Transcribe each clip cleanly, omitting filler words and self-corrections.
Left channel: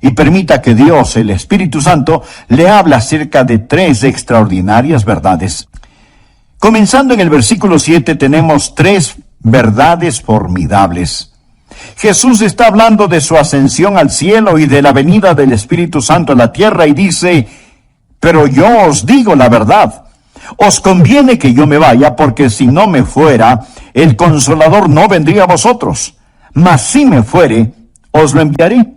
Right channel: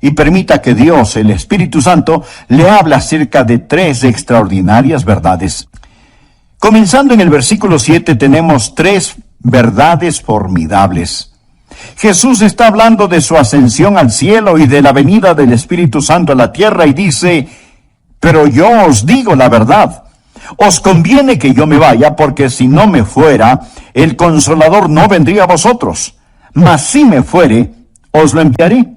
y permita que Dios, el Espíritu Santo, le hable acerca de 3 extraordinarias verdades. Comenzando en el versículo 7 tenemos 3 verdades formidables. Jesús está hablando de su ascensión al cielo y de la venida del Espíritu Santo a la tierra y dice: pero yo os digo la verdad. Os conviene que yo me vaya, porque si no me fuera, el Consolador no vendría a vosotros. Mas si me fuere, os lo enviaré.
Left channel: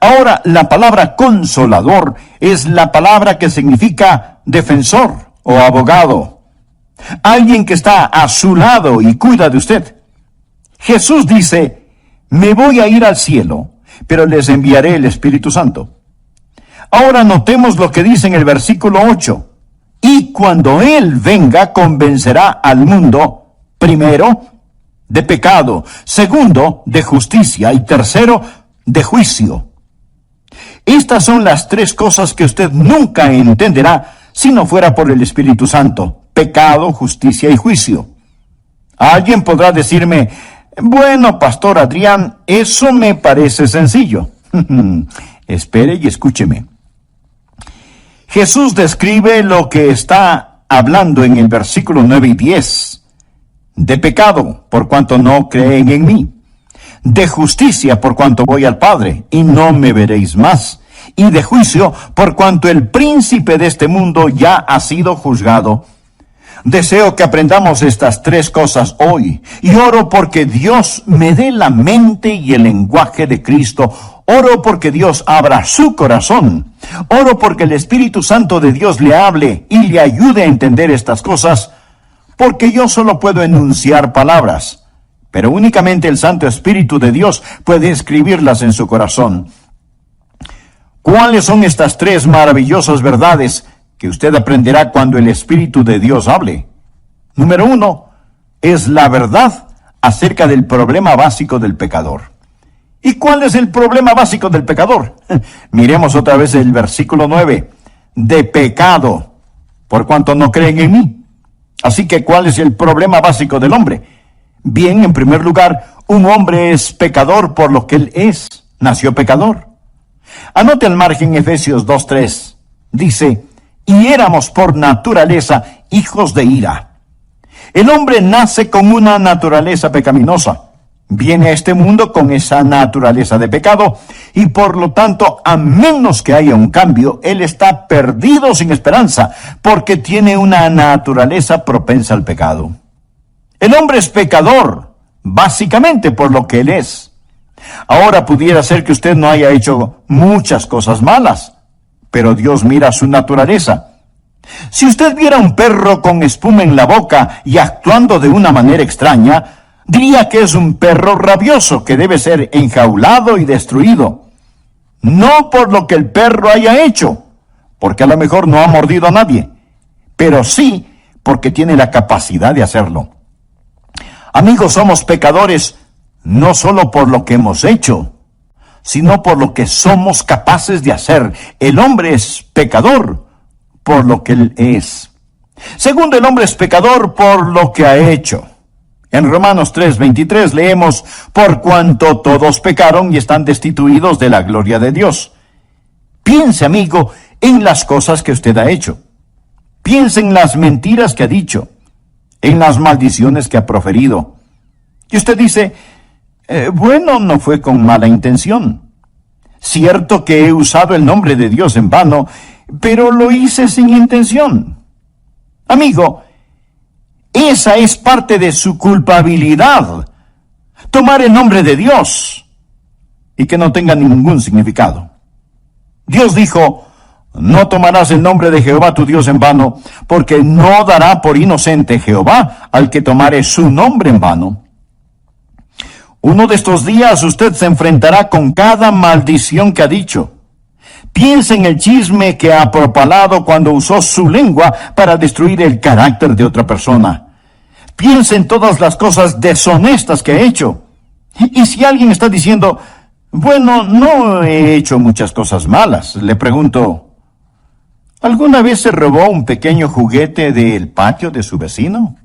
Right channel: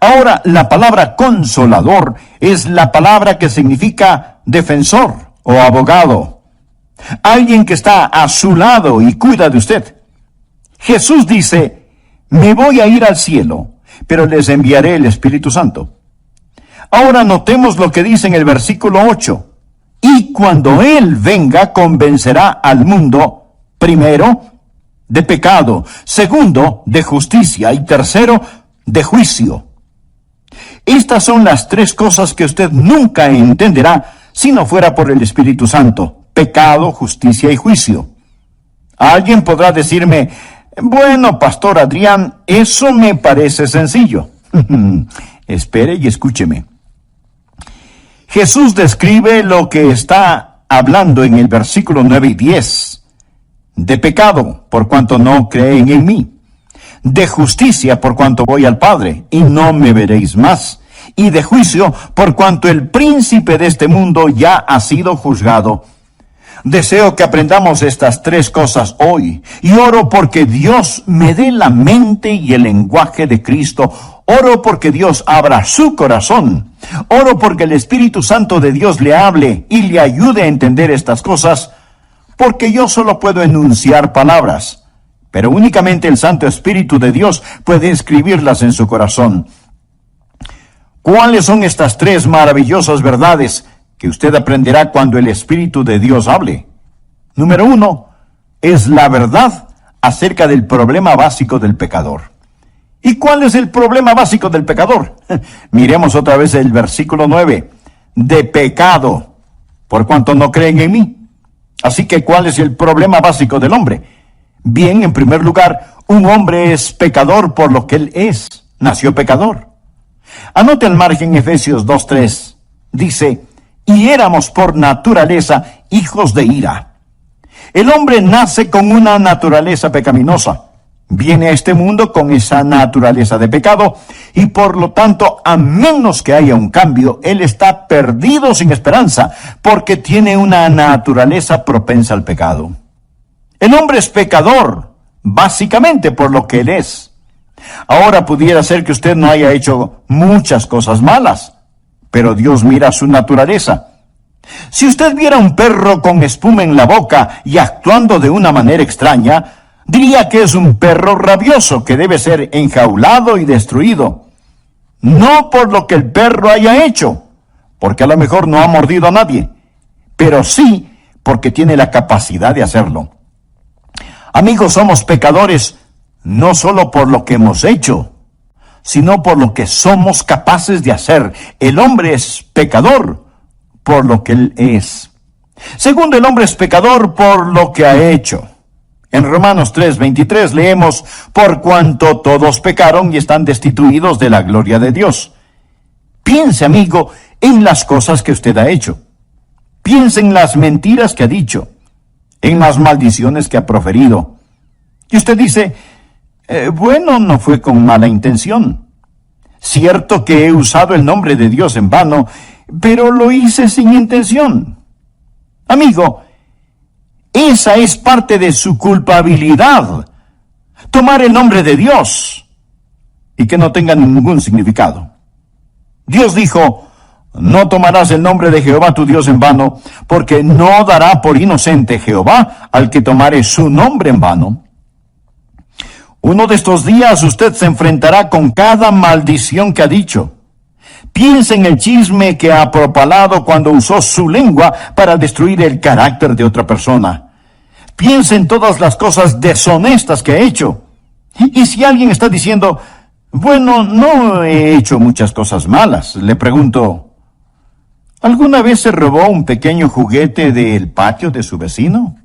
Ahora, la palabra consolador es la palabra que significa defensor o abogado. Alguien que está a su lado y cuida de usted. Jesús dice: me voy a ir al cielo, pero les enviaré el Espíritu Santo. Ahora notemos lo que dice en el versículo 8. Y cuando Él venga, convencerá al mundo, primero, de pecado, segundo, de justicia, y tercero, de juicio. Estas son las 3 cosas que usted nunca entenderá si no fuera por el Espíritu Santo: pecado, justicia y juicio. Alguien podrá decirme: bueno, Pastor Adrián, eso me parece sencillo. Espere y escúcheme. Jesús describe lo que está hablando en el versículo 9 y 10. De pecado, por cuanto no creen en mí. De justicia, por cuanto voy al Padre, y no me veréis más. Y de juicio, por cuanto el príncipe de este mundo ya ha sido juzgado. Deseo que aprendamos estas 3 cosas hoy, y oro porque Dios me dé la mente y el lenguaje de Cristo. Oro porque Dios abra su corazón. Oro porque el Espíritu Santo de Dios le hable y le ayude a entender estas cosas, porque yo solo puedo enunciar palabras, pero únicamente el Santo Espíritu de Dios puede escribirlas en su corazón. ¿Cuáles son estas 3 maravillosas verdades que usted aprenderá cuando el Espíritu de Dios hable? Número 1, es la verdad acerca del problema básico del pecador. ¿Y cuál es el problema básico del pecador? Miremos otra vez el versículo 9. De pecado, por cuanto no creen en mí. Así que, ¿cuál es el problema básico del hombre? Bien, en primer lugar, un hombre es pecador por lo que él es. Nació pecador. Anote al margen Efesios 2:3. Dice: y éramos por naturaleza hijos de ira. El hombre nace con una naturaleza pecaminosa. Viene a este mundo con esa naturaleza de pecado, y por lo tanto, a menos que haya un cambio, él está perdido sin esperanza, porque tiene una naturaleza propensa al pecado. El hombre es pecador, básicamente por lo que él es. Ahora pudiera ser que usted no haya hecho muchas cosas malas, pero Dios mira su naturaleza. Si usted viera un perro con espuma en la boca y actuando de una manera extraña, diría que es un perro rabioso que debe ser enjaulado y destruido. No por lo que el perro haya hecho, porque a lo mejor no ha mordido a nadie, pero sí porque tiene la capacidad de hacerlo. Amigos, somos pecadores no solo por lo que hemos hecho, sino por lo que somos capaces de hacer. El hombre es pecador por lo que él es. Segundo, el hombre es pecador por lo que ha hecho. En Romanos 3:23 leemos: por cuanto todos pecaron y están destituidos de la gloria de Dios. Piense, amigo, en las cosas que usted ha hecho. Piense en las mentiras que ha dicho, en las maldiciones que ha proferido. Y usted dice: bueno, no fue con mala intención. Cierto que he usado el nombre de Dios en vano, pero lo hice sin intención. Amigo, esa es parte de su culpabilidad. Tomar el nombre de Dios y que no tenga ningún significado. Dios dijo: no tomarás el nombre de Jehová tu Dios en vano, porque no dará por inocente Jehová al que tomare su nombre en vano. Uno de estos días usted se enfrentará con cada maldición que ha dicho. Piense en el chisme que ha propalado cuando usó su lengua para destruir el carácter de otra persona. Piense en todas las cosas deshonestas que ha hecho. Y si alguien está diciendo: bueno, no he hecho muchas cosas malas, le pregunto: ¿alguna vez se robó un pequeño juguete del patio de su vecino?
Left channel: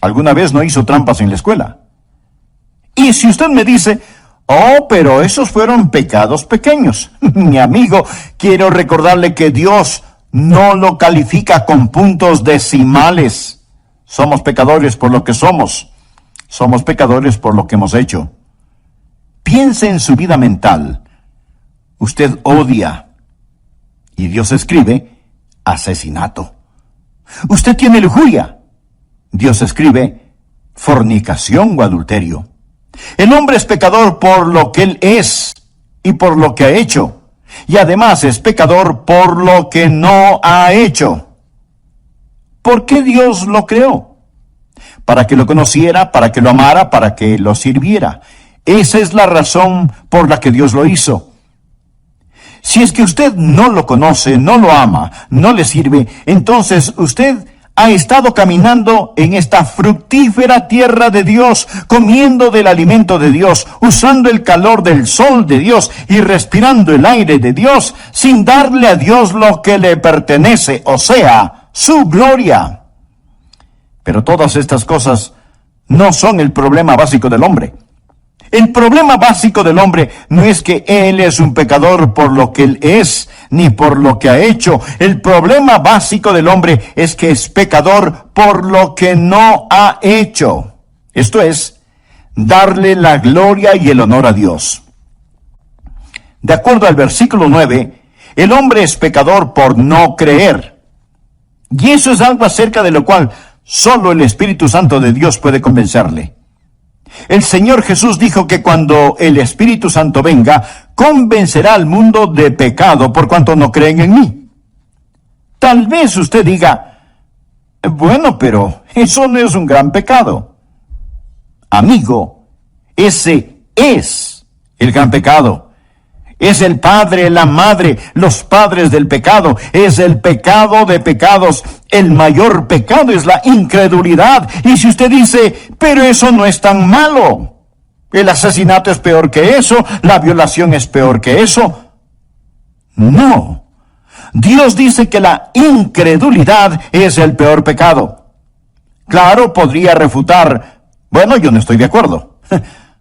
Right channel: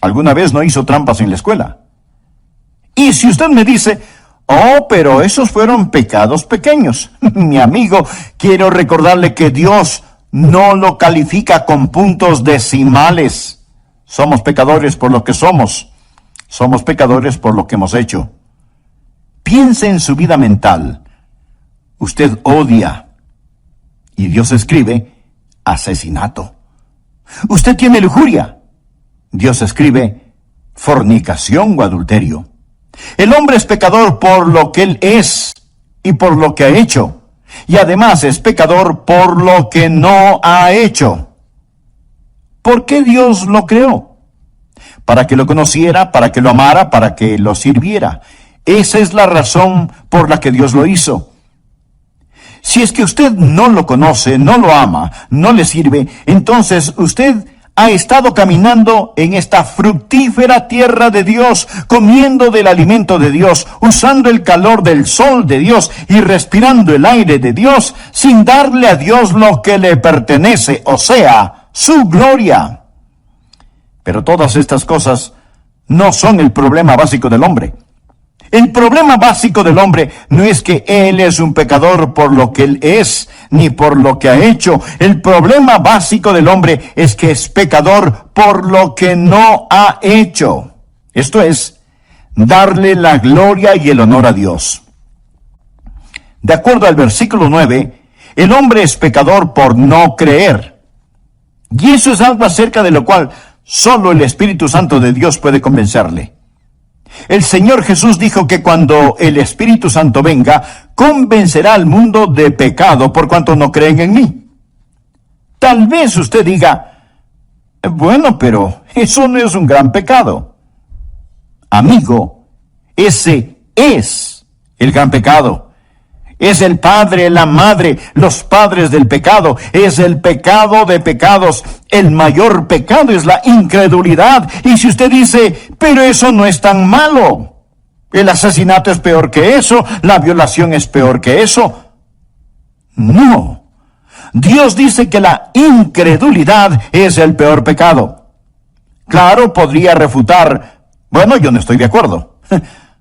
¿Alguna vez no hizo trampas en la escuela? Y si usted me dice: Oh, pero esos fueron pecados pequeños. Mi amigo, quiero recordarle que Dios no lo califica con puntos decimales. Somos pecadores por lo que somos. Somos pecadores por lo que hemos hecho. Piense en su vida mental. Usted odia. Y Dios escribe asesinato. Usted tiene lujuria. Dios escribe fornicación o adulterio. El hombre es pecador por lo que él es y por lo que ha hecho. Y además es pecador por lo que no ha hecho. ¿Por qué Dios lo creó? Para que lo conociera, para que lo amara, para que lo sirviera. Esa es la razón por la que Dios lo hizo. Si es que usted no lo conoce, no lo ama, no le sirve, entonces usted ha estado caminando en esta fructífera tierra de Dios, comiendo del alimento de Dios, usando el calor del sol de Dios y respirando el aire de Dios, sin darle a Dios lo que le pertenece, o sea, su gloria. Pero todas estas cosas no son el problema básico del hombre. El problema básico del hombre no es que él es un pecador por lo que él es, ni por lo que ha hecho. El problema básico del hombre es que es pecador por lo que no ha hecho. Esto es, darle la gloria y el honor a Dios. De acuerdo al versículo 9, el hombre es pecador por no creer. Y eso es algo acerca de lo cual solo el Espíritu Santo de Dios puede convencerle. El Señor Jesús dijo que cuando el Espíritu Santo venga, convencerá al mundo de pecado por cuanto no creen en mí. Tal vez usted diga, bueno, pero eso no es un gran pecado. Amigo, ese es el gran pecado. Es el padre, la madre, los padres del pecado. Es el pecado de pecados. El mayor pecado es la incredulidad. Y si usted dice, pero eso no es tan malo. El asesinato es peor que eso. La violación es peor que eso. No. Dios dice que la incredulidad es el peor pecado. Claro, podría refutar, bueno, yo no estoy de acuerdo.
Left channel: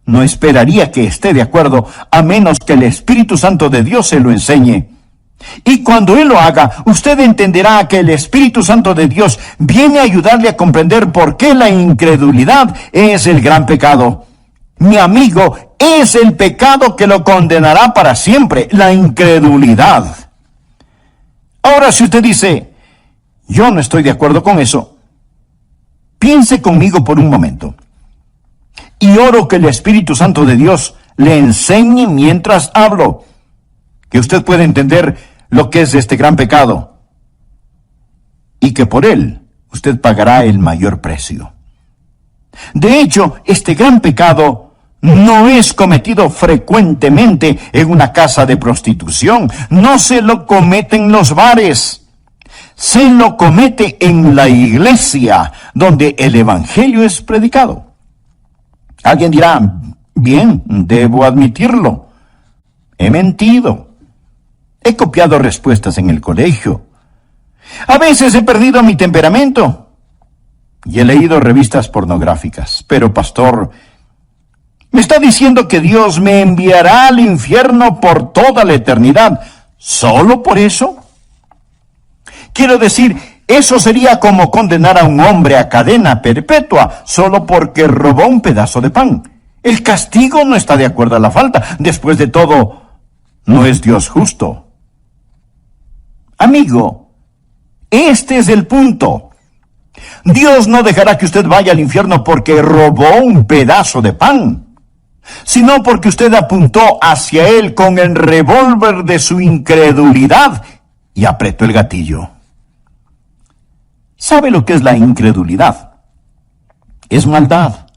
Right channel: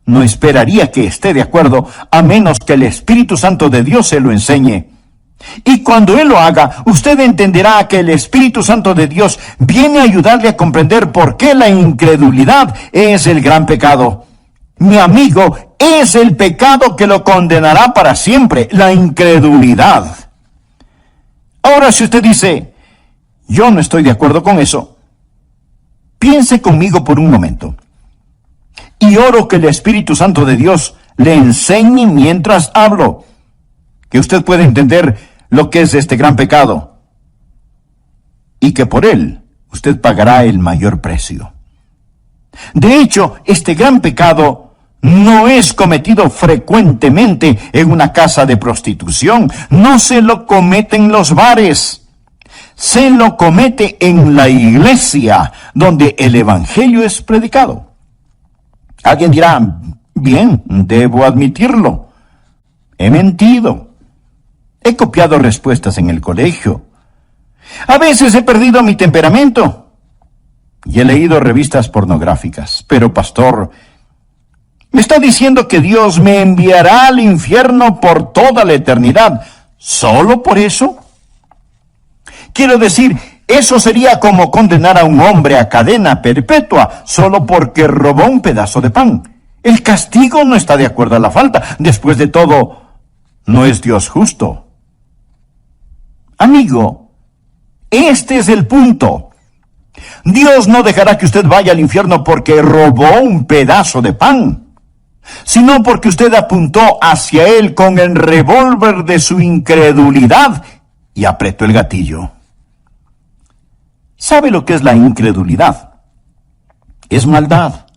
No esperaría que esté de acuerdo, a menos que el Espíritu Santo de Dios se lo enseñe. Y cuando Él lo haga, usted entenderá que el Espíritu Santo de Dios viene a ayudarle a comprender por qué la incredulidad es el gran pecado. Mi amigo, es el pecado que lo condenará para siempre, la incredulidad. Ahora, si usted dice, yo no estoy de acuerdo con eso, piense conmigo por un momento. Y oro que el Espíritu Santo de Dios le enseñe mientras hablo, que usted pueda entender lo que es este gran pecado, y que por él usted pagará el mayor precio. De hecho, este gran pecado no es cometido frecuentemente en una casa de prostitución, no se lo comete en los bares, se lo comete en la iglesia, donde el Evangelio es predicado. Alguien dirá, bien, debo admitirlo. He mentido. He copiado respuestas en el colegio. A veces he perdido mi temperamento. Y he leído revistas pornográficas. Pero, pastor, ¿me está diciendo que Dios me enviará al infierno por toda la eternidad solo por eso? Quiero decir, eso sería como condenar a un hombre a cadena perpetua solo porque robó un pedazo de pan. El castigo no está de acuerdo a la falta. Después de todo, no es Dios justo. Amigo, este es el punto. Dios no dejará que usted vaya al infierno porque robó un pedazo de pan, sino porque usted apuntó hacia él con el revólver de su incredulidad y apretó el gatillo. ¿Sabe lo que es la incredulidad? Es maldad,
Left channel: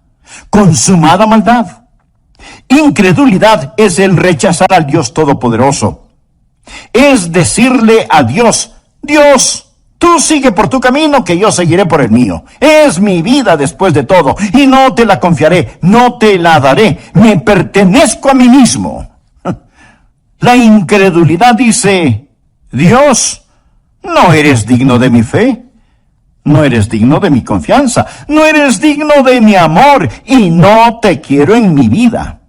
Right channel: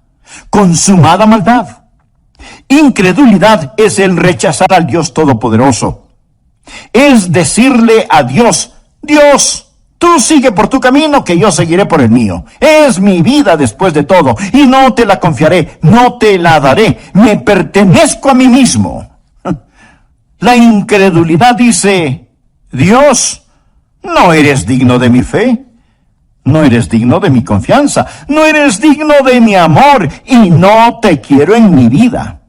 consumada maldad. Incredulidad es el rechazar al Dios Todopoderoso. Es decirle a Dios, Dios, tú sigue por tu camino, que yo seguiré por el mío. Es mi vida después de todo, y no te la confiaré, no te la daré. Me pertenezco a mí mismo. La incredulidad dice, Dios, no eres digno de mi fe. No eres digno de mi confianza, no eres digno de mi amor y no te quiero en mi vida.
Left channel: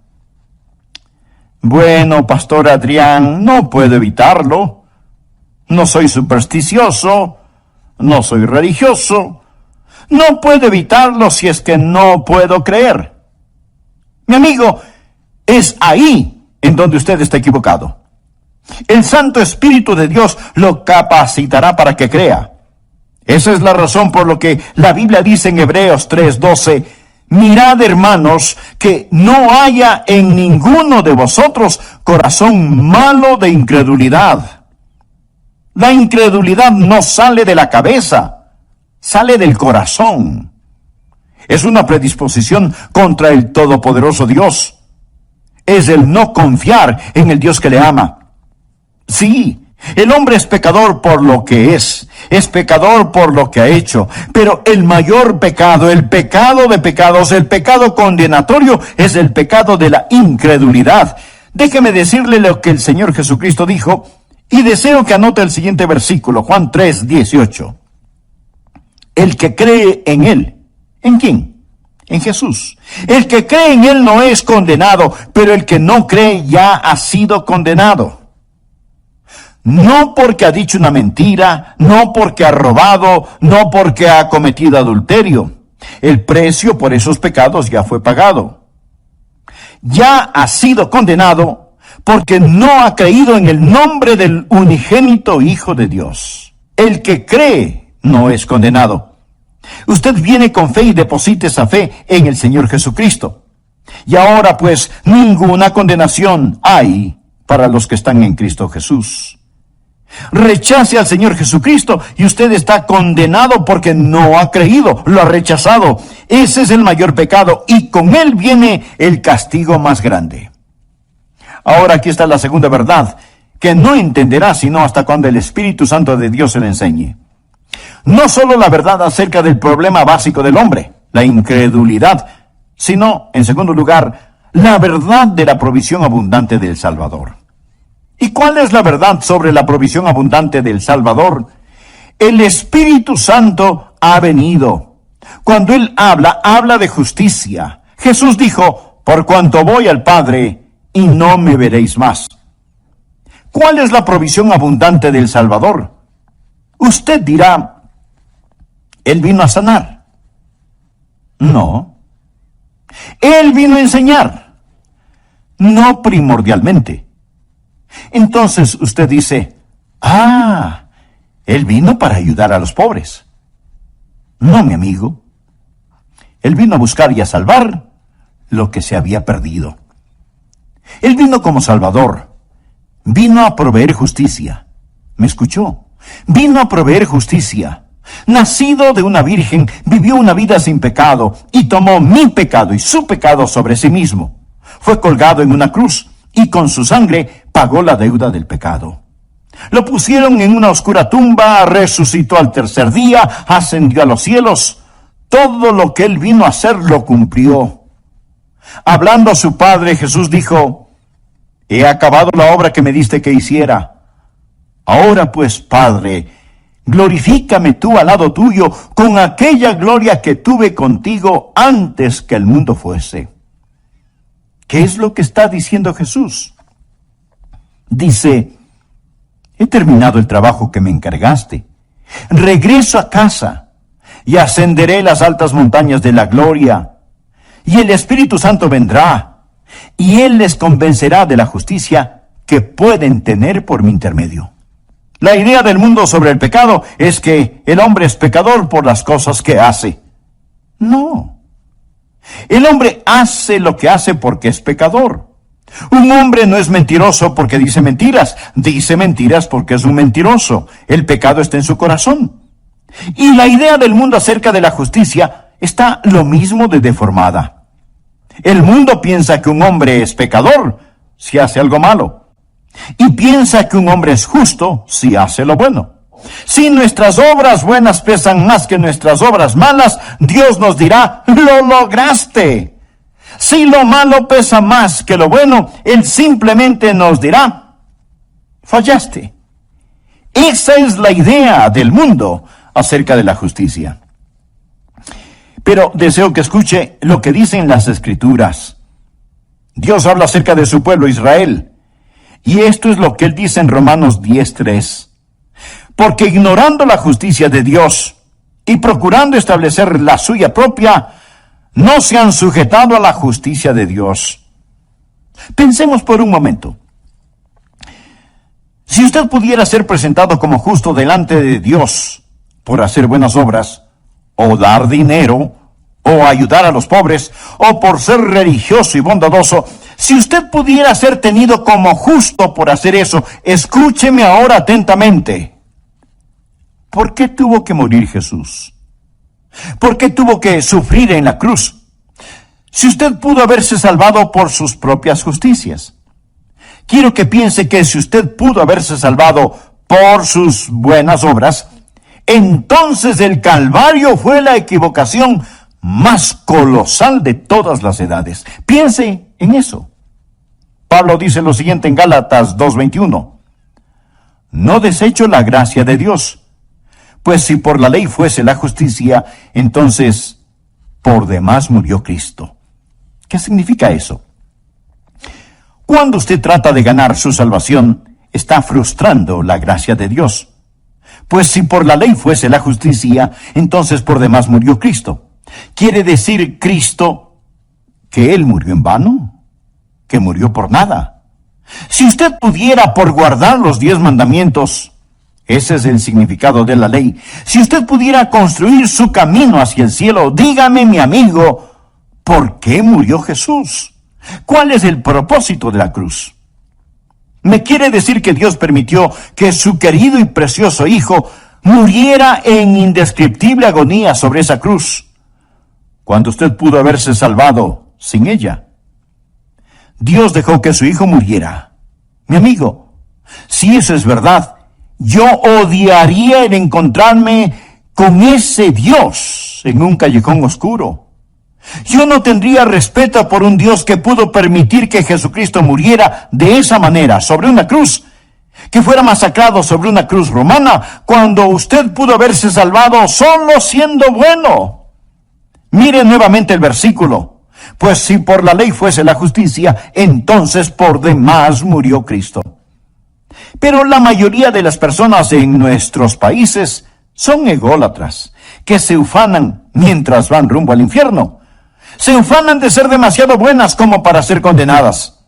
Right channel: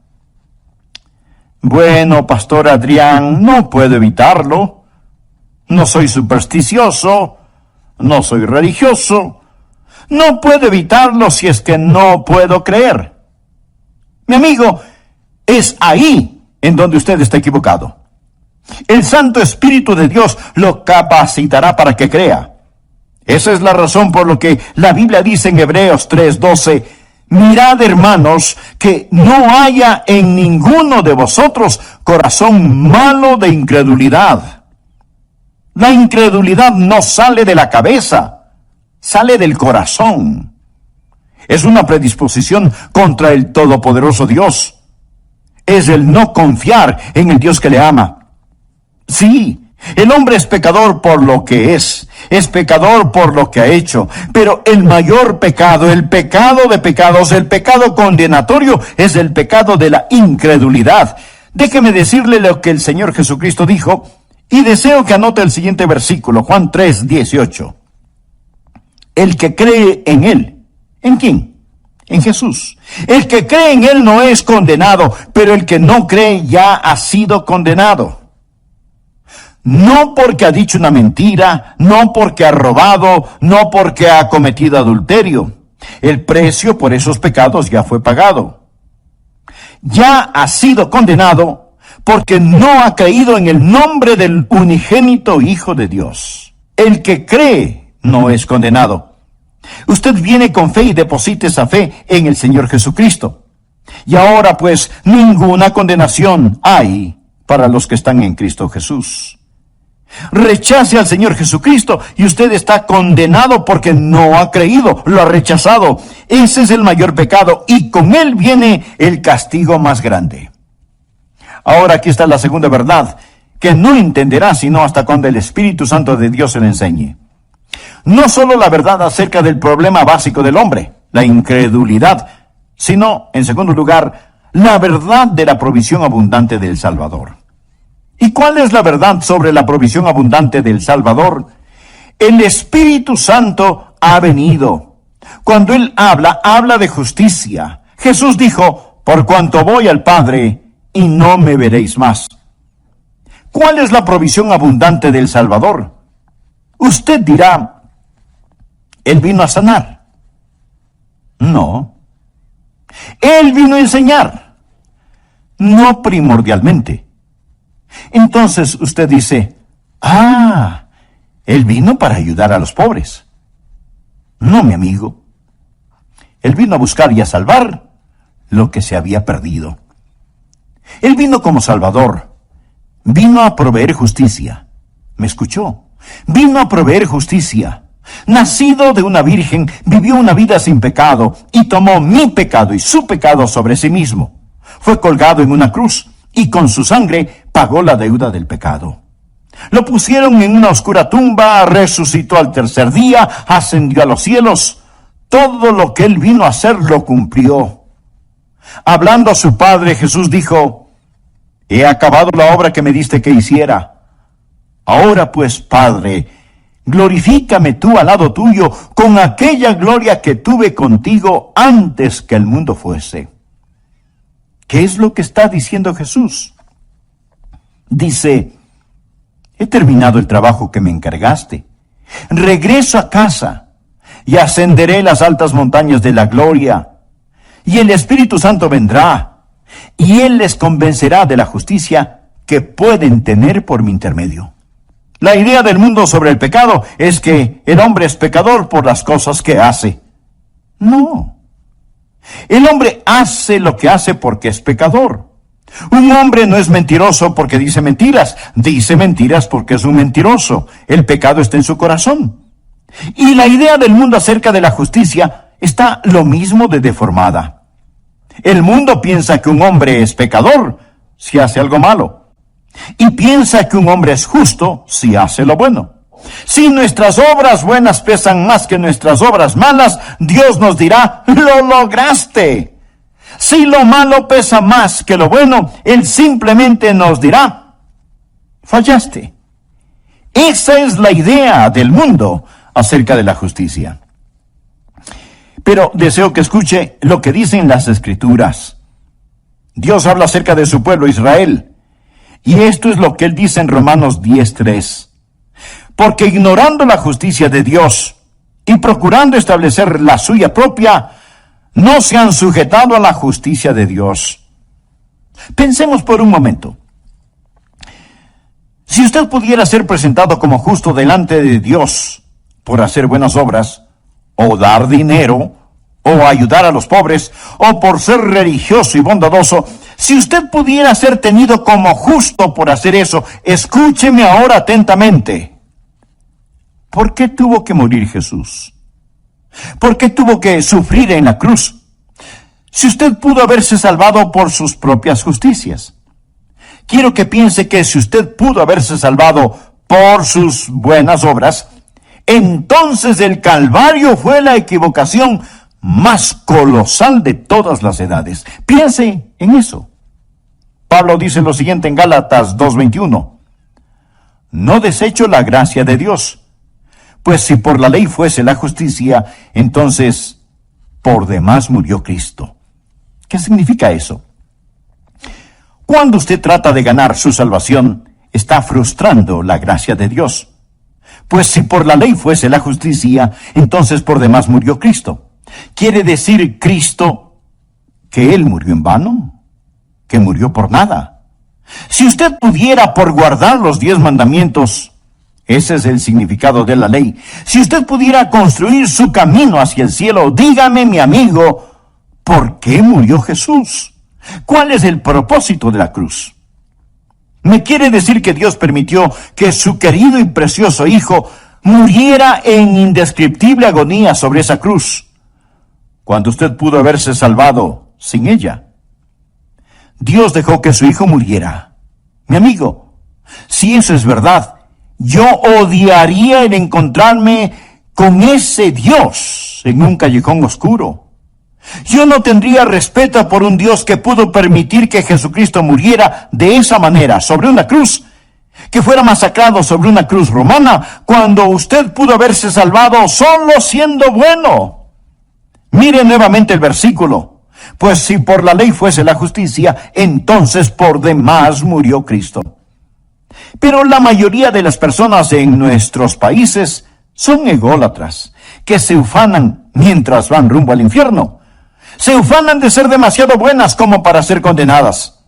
Bueno, Pastor Adrián, no puedo evitarlo. No soy supersticioso, no soy religioso. No puedo evitarlo si es que no puedo creer. Mi amigo, es ahí en donde usted está equivocado. El Santo Espíritu de Dios lo capacitará para que crea. Esa es la razón por lo que la Biblia dice en Hebreos 3:12, mirad, hermanos, que no haya en ninguno de vosotros corazón malo de incredulidad. La incredulidad no sale de la cabeza, sale del corazón. Es una predisposición contra el todopoderoso Dios. Es el no confiar en el Dios que le ama. Sí, el hombre es pecador por lo que es pecador por lo que ha hecho, pero el mayor pecado, el pecado de pecados, el pecado condenatorio, es el pecado de la incredulidad. Déjeme decirle lo que el Señor Jesucristo dijo, y deseo que anote el siguiente versículo, Juan 3:18. El que cree en Él, ¿en quién? En Jesús. El que cree en Él no es condenado, pero el que no cree ya ha sido condenado. No porque ha dicho una mentira, no porque ha robado, no porque ha cometido adulterio. El precio por esos pecados ya fue pagado. Ya ha sido condenado porque no ha creído en el nombre del unigénito Hijo de Dios. El que cree no es condenado. Usted viene con fe y deposita esa fe en el Señor Jesucristo. Y ahora pues ninguna condenación hay para los que están en Cristo Jesús. Rechace al Señor Jesucristo y usted está condenado porque no ha creído, lo ha rechazado. Ese es el mayor pecado y con él viene el castigo más grande. Ahora aquí está la segunda verdad, que no entenderá sino hasta cuando el Espíritu Santo de Dios se le enseñe. No solo la verdad acerca del problema básico del hombre, la incredulidad, sino, en segundo lugar, la verdad de la provisión abundante del Salvador. ¿Y cuál es la verdad sobre la provisión abundante del Salvador? El Espíritu Santo ha venido. Cuando Él habla de justicia. Jesús dijo, por cuanto voy al Padre, y no me veréis más. ¿Cuál es la provisión abundante del Salvador? Usted dirá, Él vino a sanar. No. Él vino a enseñar. No primordialmente. Entonces usted dice, Él vino para ayudar a los pobres. No, mi amigo. Él vino a buscar y a salvar lo que se había perdido. Él vino como Salvador. Vino a proveer justicia. ¿Me escuchó? Vino a proveer justicia. Nacido de una virgen, vivió una vida sin pecado y tomó mi pecado y su pecado sobre sí mismo. Fue colgado en una cruz y con su sangre pagó la deuda del pecado. Lo pusieron en una oscura tumba, resucitó al tercer día, ascendió a los cielos. Todo lo que Él vino a hacer lo cumplió. Hablando a su Padre, Jesús dijo, he acabado la obra que me diste que hiciera. Ahora pues, Padre, glorifícame tú al lado tuyo con aquella gloria que tuve contigo antes que el mundo fuese. ¿Qué es lo que está diciendo Jesús? Dice, he terminado el trabajo que me encargaste. Regreso a casa y ascenderé las altas montañas de la gloria. Y el Espíritu Santo vendrá y Él les convencerá de la justicia que pueden tener por mi intermedio. La idea del mundo sobre el pecado es que el hombre es pecador por las cosas que hace. No. El hombre hace lo que hace porque es pecador. Un hombre no es mentiroso porque dice mentiras porque es un mentiroso. El pecado está en su corazón. Y la idea del mundo acerca de la justicia está lo mismo de deformada. El mundo piensa que un hombre es pecador si hace algo malo. Y piensa que un hombre es justo si hace lo bueno. Si nuestras obras buenas pesan más que nuestras obras malas, Dios nos dirá, ¡lo lograste! Si lo malo pesa más que lo bueno, Él simplemente nos dirá, fallaste. Esa es la idea del mundo acerca de la justicia. Pero deseo que escuche lo que dicen las Escrituras. Dios habla acerca de su pueblo Israel. Y esto es lo que él dice en Romanos 10:3. Porque ignorando la justicia de Dios y procurando establecer la suya propia, no se han sujetado a la justicia de Dios. Pensemos por un momento. Si usted pudiera ser presentado como justo delante de Dios por hacer buenas obras, o dar dinero, o ayudar a los pobres, o por ser religioso y bondadoso, si usted pudiera ser tenido como justo por hacer eso, escúcheme ahora atentamente. ¿Por qué tuvo que morir Jesús? ¿Por qué tuvo que sufrir en la cruz? Si usted pudo haberse salvado por sus propias justicias. Quiero que piense que si usted pudo haberse salvado por sus buenas obras, entonces el Calvario fue la equivocación más colosal de todas las edades. Piense en eso. Pablo dice lo siguiente en Gálatas 2:21. No desecho la gracia de Dios, pues si por la ley fuese la justicia, entonces por demás murió Cristo. ¿Qué significa eso? Cuando usted trata de ganar su salvación, está frustrando la gracia de Dios. Pues si por la ley fuese la justicia, entonces por demás murió Cristo. ¿Quiere decir Cristo que Él murió en vano? ¿Que murió por nada? Si usted pudiera por guardar los 10 mandamientos, ese es el significado de la ley. Si usted pudiera construir su camino hacia el cielo, dígame, mi amigo, ¿por qué murió Jesús? ¿Cuál es el propósito de la cruz? ¿Me quiere decir que Dios permitió que su querido y precioso Hijo muriera en indescriptible agonía sobre esa cruz, cuando usted pudo haberse salvado sin ella? Dios dejó que su Hijo muriera. Mi amigo, si eso es verdad, yo odiaría el encontrarme con ese Dios en un callejón oscuro. Yo no tendría respeto por un Dios que pudo permitir que Jesucristo muriera de esa manera, sobre una cruz, que fuera masacrado sobre una cruz romana, cuando usted pudo haberse salvado solo siendo bueno. Mire nuevamente el versículo. Pues si por la ley fuese la justicia, entonces por demás murió Cristo. Pero la mayoría de las personas en nuestros países son ególatras, que se ufanan mientras van rumbo al infierno. Se ufanan de ser demasiado buenas como para ser condenadas.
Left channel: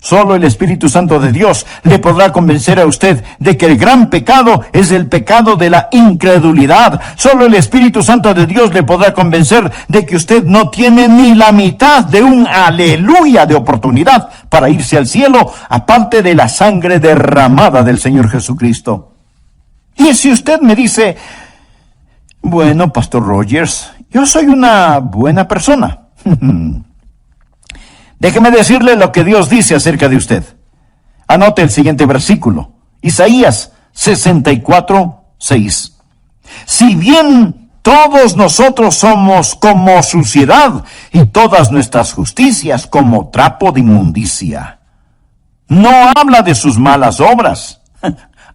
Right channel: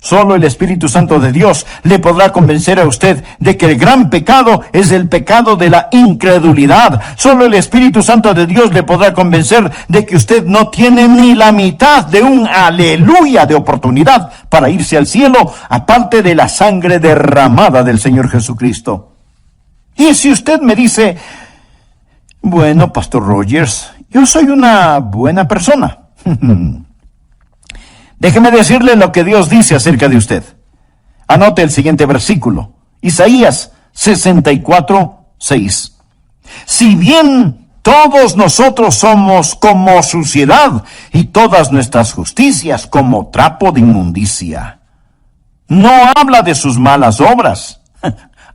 Solo el Espíritu Santo de Dios le podrá convencer a usted de que el gran pecado es el pecado de la incredulidad. Solo el Espíritu Santo de Dios le podrá convencer de que usted no tiene ni la mitad de un aleluya de oportunidad para irse al cielo, aparte de la sangre derramada del Señor Jesucristo. Y si usted me dice, bueno, Pastor Rogers, yo soy una buena persona. Déjeme decirle lo que Dios dice acerca de usted. Anote el siguiente versículo. Isaías 64:6. Si bien todos nosotros somos como suciedad y todas nuestras justicias como trapo de inmundicia. No habla de sus malas obras.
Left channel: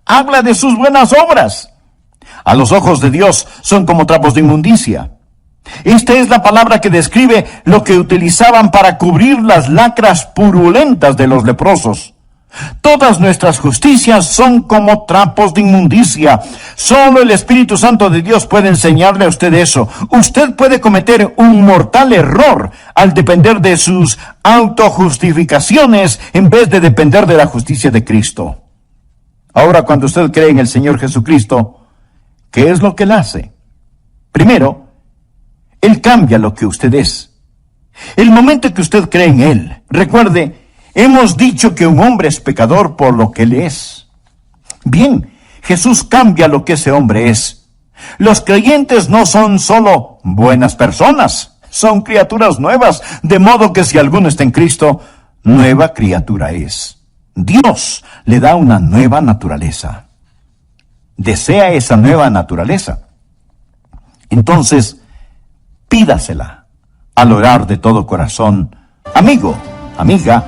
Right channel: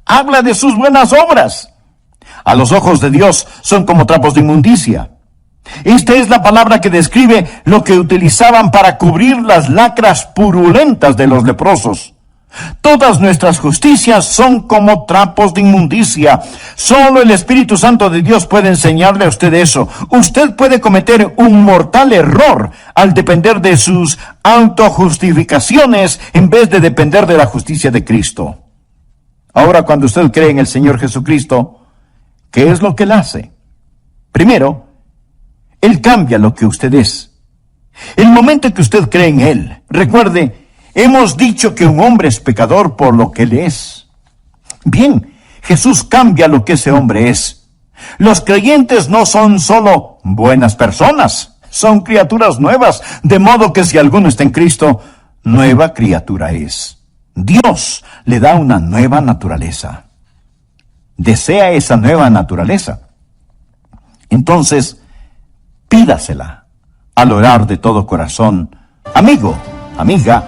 Habla de sus buenas obras. A los ojos de Dios son como trapos de inmundicia. Esta es la palabra que describe lo que utilizaban para cubrir las lacras purulentas de los leprosos. Todas nuestras justicias son como trapos de inmundicia. Solo el Espíritu Santo de Dios puede enseñarle a usted eso. Usted puede cometer un mortal error al depender de sus autojustificaciones en vez de depender de la justicia de Cristo. Ahora, cuando usted cree en el Señor Jesucristo, ¿qué es lo que Él hace? Primero, Él cambia lo que usted es. El momento que usted cree en Él, recuerde, hemos dicho que un hombre es pecador por lo que Él es. Bien, Jesús cambia lo que ese hombre es. Los creyentes no son solo buenas personas, son criaturas nuevas, de modo que si alguno está en Cristo, nueva criatura es. Dios le da una nueva naturaleza. ¿Desea esa nueva naturaleza? Entonces, pídasela al orar de todo corazón. Amigo, amiga,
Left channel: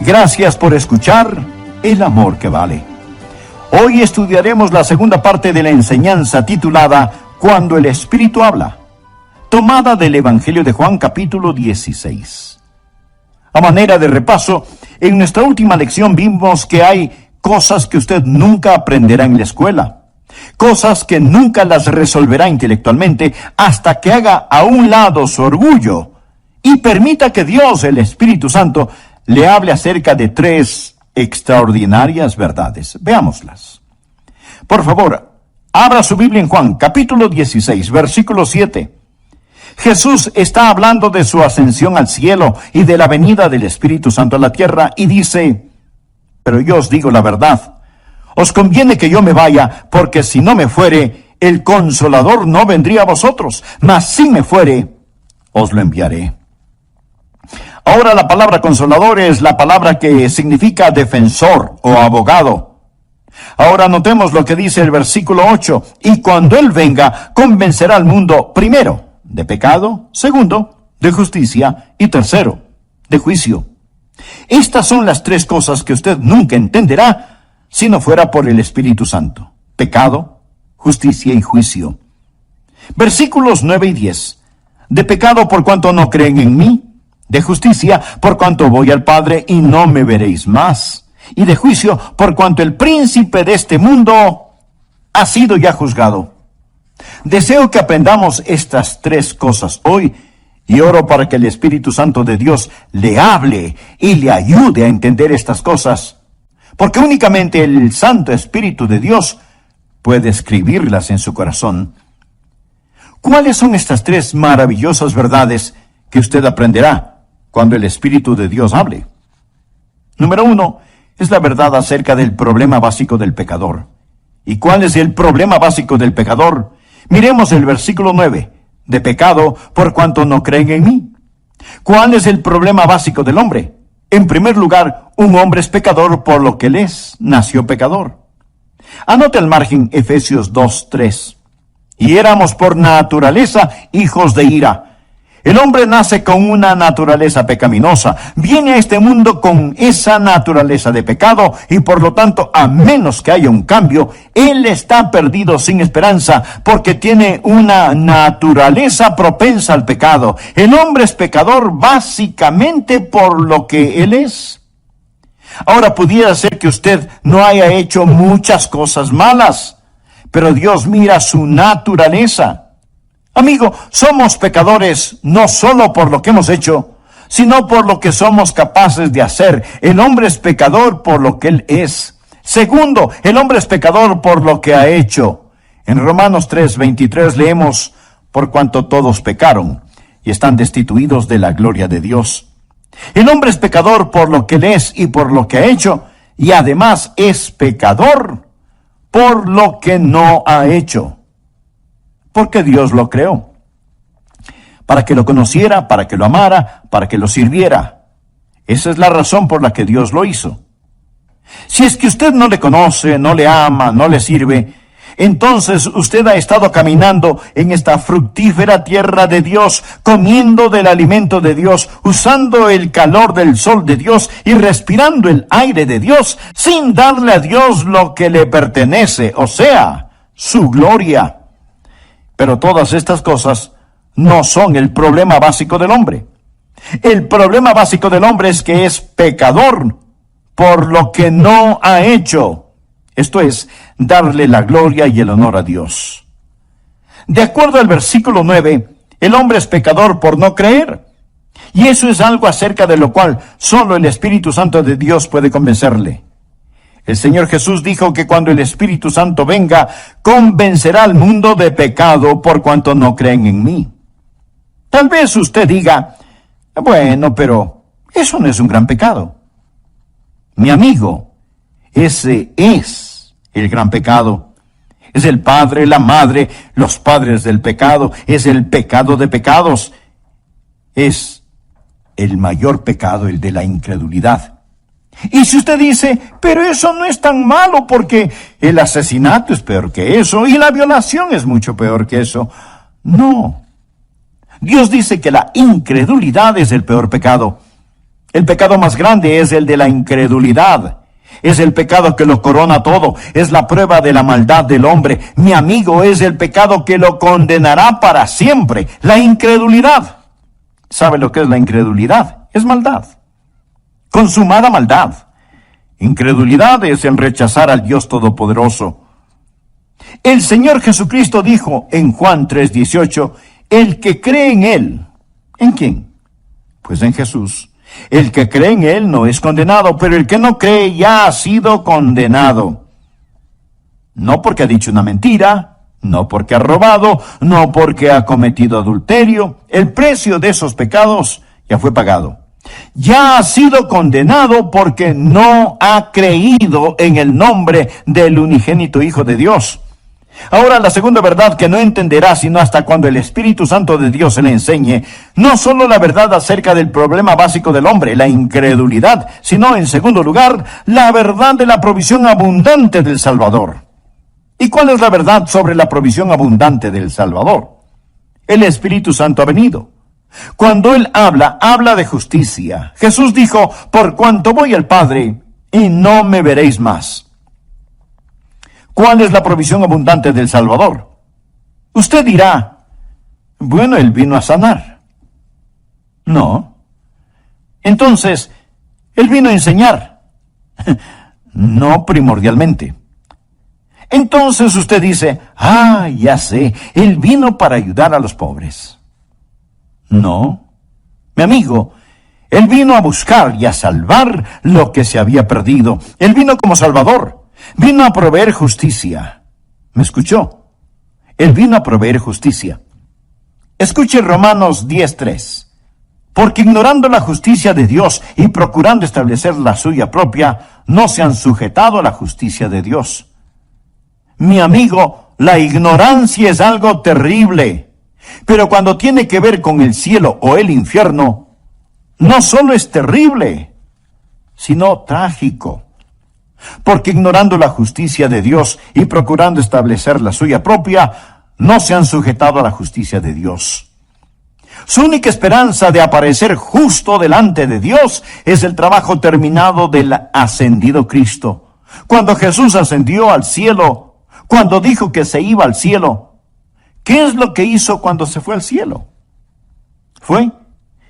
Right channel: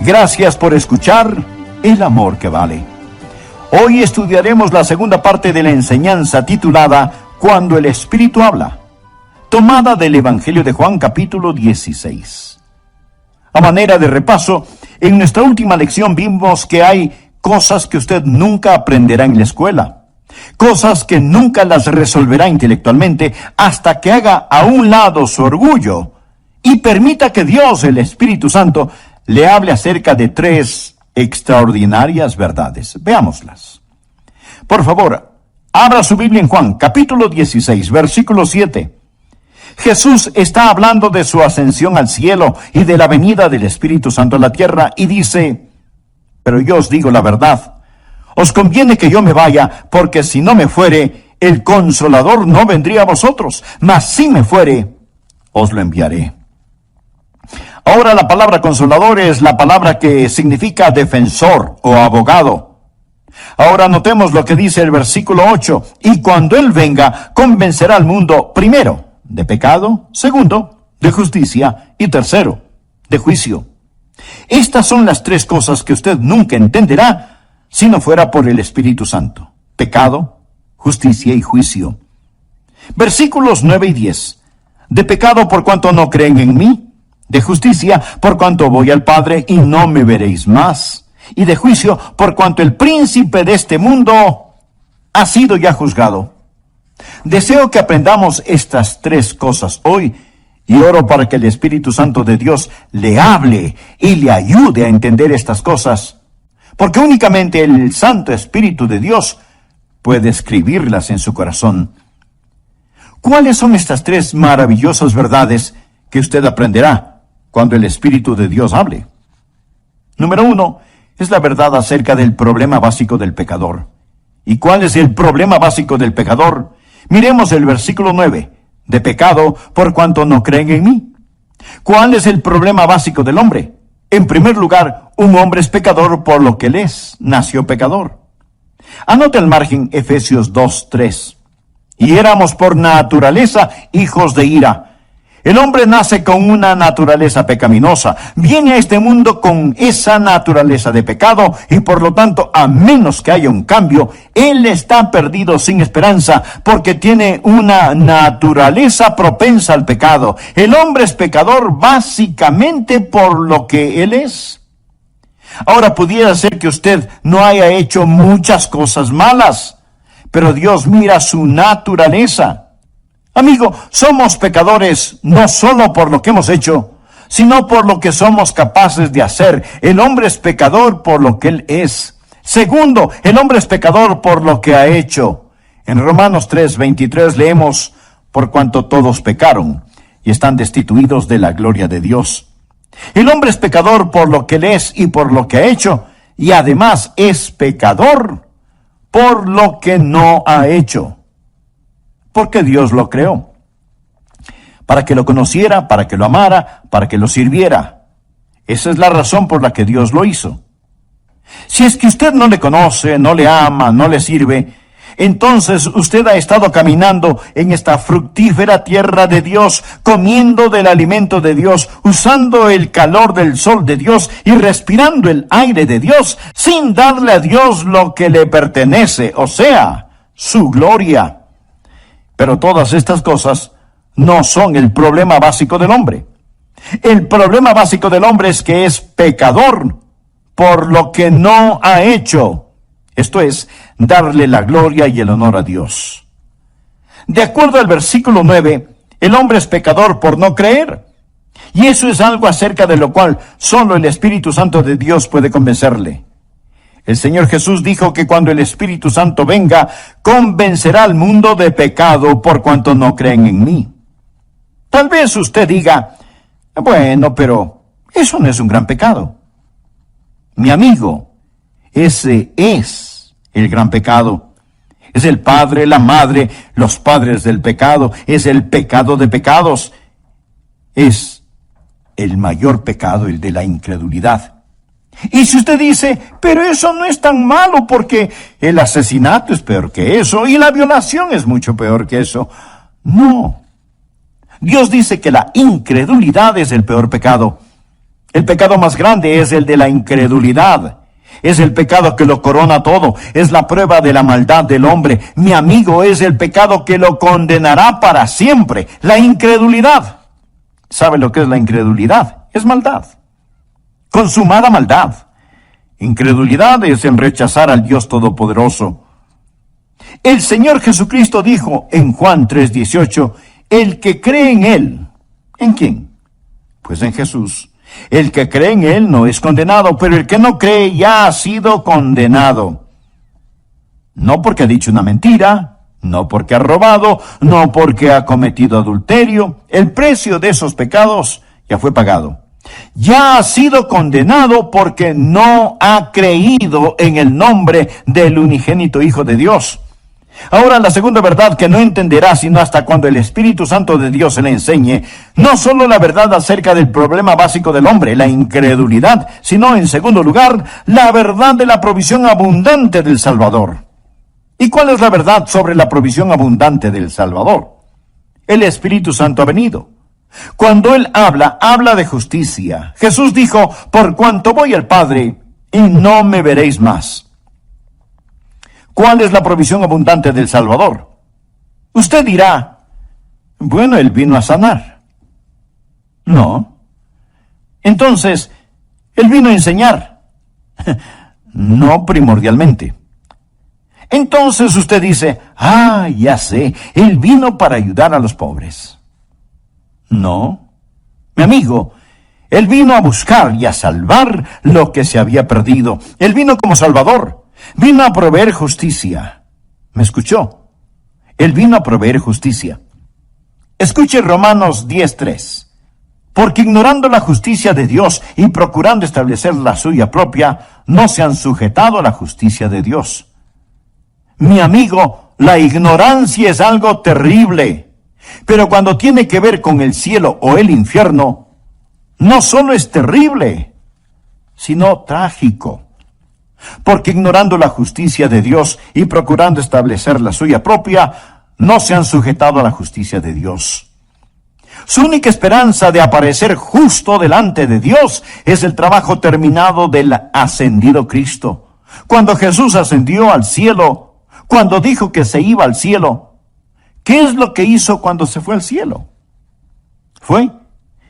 gracias por escuchar El Amor que Vale. Hoy estudiaremos la segunda parte de la enseñanza titulada Cuando el Espíritu habla, tomada del Evangelio de Juan capítulo 16. A manera de repaso, en nuestra última lección vimos que hay cosas que usted nunca aprenderá en la escuela, cosas que nunca las resolverá intelectualmente hasta que haga a un lado su orgullo y permita que Dios, el Espíritu Santo, le hable acerca de 3 extraordinarias verdades. Veámoslas. Por favor, abra su Biblia en Juan, capítulo 16, versículo 7. Jesús está hablando de su ascensión al cielo y de la venida del Espíritu Santo a la tierra y dice: pero yo os digo la verdad, os conviene que yo me vaya, porque si no me fuere, el Consolador no vendría a vosotros, mas si me fuere, os lo enviaré. Ahora la palabra Consolador es la palabra que significa defensor o abogado. Ahora notemos lo que dice el versículo 8, y cuando Él venga, convencerá al mundo, primero, de pecado, segundo, de justicia, y tercero, de juicio. Estas son las 3 cosas que usted nunca entenderá si no fuera por el Espíritu Santo: pecado, justicia y juicio. Versículos 9 y 10. De pecado por cuanto no creen en mí, de justicia por cuanto voy al Padre y no me veréis más, y de juicio por cuanto el príncipe de este mundo ha sido ya juzgado. Deseo que aprendamos estas 3 cosas hoy y oro para que el Espíritu Santo de Dios le hable y le ayude a entender estas cosas, porque únicamente el Santo Espíritu de Dios puede escribirlas en su corazón. ¿Cuáles son estas 3 maravillosas verdades que usted aprenderá cuando el Espíritu de Dios hable? Número 1 es la verdad acerca del problema básico del pecador. ¿Y cuál es el problema básico del pecador? Miremos el versículo 9. De pecado por cuanto no creen en mí. ¿Cuál es el problema básico del hombre? En primer lugar, un hombre es pecador por lo que él es, nació pecador. Anota al margen Efesios 2:3. Y éramos por naturaleza hijos de ira. El hombre nace con una naturaleza pecaminosa, viene a este mundo con esa naturaleza de pecado y por lo tanto, a menos que haya un cambio, él está perdido sin esperanza porque tiene una naturaleza propensa al pecado. El hombre es pecador básicamente por lo que él es. Ahora pudiera ser que usted no haya hecho muchas cosas malas, pero Dios mira su naturaleza. Amigo, somos pecadores no solo por lo que hemos hecho, sino por lo que somos capaces de hacer. El hombre es pecador por lo que él es. Segundo, el hombre es pecador por lo que ha hecho. En Romanos 3:23 leemos: por cuanto todos pecaron y están destituidos de la gloria de Dios. El hombre es pecador por lo que él es y por lo que ha hecho, y además es pecador por lo que no ha hecho. Porque Dios lo creó, para que lo conociera, para que lo amara, para que lo sirviera. Esa es la razón por la que Dios lo hizo. Si es que usted no le conoce, no le ama, no le sirve, entonces usted ha estado caminando en esta fructífera tierra de Dios, comiendo del alimento de Dios, usando el calor del sol de Dios y respirando el aire de Dios, sin darle a Dios lo que le pertenece, o sea, su gloria. Pero todas estas cosas no son el problema básico del hombre. El problema básico del hombre es que es pecador por lo que no ha hecho. Esto es, darle la gloria y el honor a Dios. De acuerdo al versículo 9, el hombre es pecador por no creer. Y eso es algo acerca de lo cual solo el Espíritu Santo de Dios puede convencerle. El Señor Jesús dijo que cuando el Espíritu Santo venga, convencerá al mundo de pecado por cuanto no creen en mí. Tal vez usted diga: bueno, pero eso no es un gran pecado. Mi amigo, ese es el gran pecado. Es el padre, la madre, los padres del pecado. Es el pecado de pecados. Es el mayor pecado, el de la incredulidad. Y si usted dice: pero eso no es tan malo porque el asesinato es peor que eso y la violación es mucho peor que eso. No. Dios dice que la incredulidad es el peor pecado. El pecado más grande es el de la incredulidad. Es el pecado que lo corona todo. Es la prueba de la maldad del hombre. Mi amigo, es el pecado que lo condenará para siempre. La incredulidad. ¿Sabe lo que es la incredulidad? Es maldad. consumada maldad. Incredulidad es el rechazar al Dios Todopoderoso. El Señor Jesucristo dijo en Juan 3:18, el que cree en Él. ¿En quién? Pues en Jesús. El que cree en Él no es condenado, pero el que no cree ya ha sido condenado. No porque ha dicho una mentira, no porque ha robado, no porque ha cometido adulterio. El precio de esos pecados ya fue pagado. Ya ha sido condenado porque no ha creído en el nombre del unigénito Hijo de Dios. Ahora, la segunda verdad que no entenderá sino hasta cuando el Espíritu Santo de Dios se le enseñe, no solo la verdad acerca del problema básico del hombre, la incredulidad, sino, en segundo lugar, la verdad de la provisión abundante del Salvador. ¿Y cuál es la verdad sobre la provisión abundante del Salvador? El Espíritu Santo ha venido. Cuando Él habla de justicia. Jesús dijo, por cuanto voy al Padre, y no me veréis más. ¿Cuál es la provisión abundante del Salvador? Usted dirá, bueno, Él vino a sanar. No. Entonces, Él vino a enseñar. No primordialmente. Entonces usted dice, ya sé, Él vino para ayudar a los pobres. No, mi amigo, Él vino a buscar y a salvar lo que se había perdido. Él vino como Salvador. Vino a proveer justicia. ¿Me escuchó? Él vino a proveer justicia. Escuche Romanos 10:3. Porque ignorando la justicia de Dios y procurando establecer la suya propia, no se han sujetado a la justicia de Dios. Mi amigo, la ignorancia es algo terrible. Pero cuando tiene que ver con el cielo o el infierno, no solo es terrible, sino trágico. Porque ignorando la justicia de Dios y procurando establecer la suya propia, no se han sujetado a la justicia de Dios. Su única esperanza de aparecer justo delante de Dios es el trabajo terminado del ascendido Cristo. Cuando Jesús ascendió al cielo, cuando dijo que se iba al cielo, ¿qué es lo que hizo cuando se fue al cielo? Fue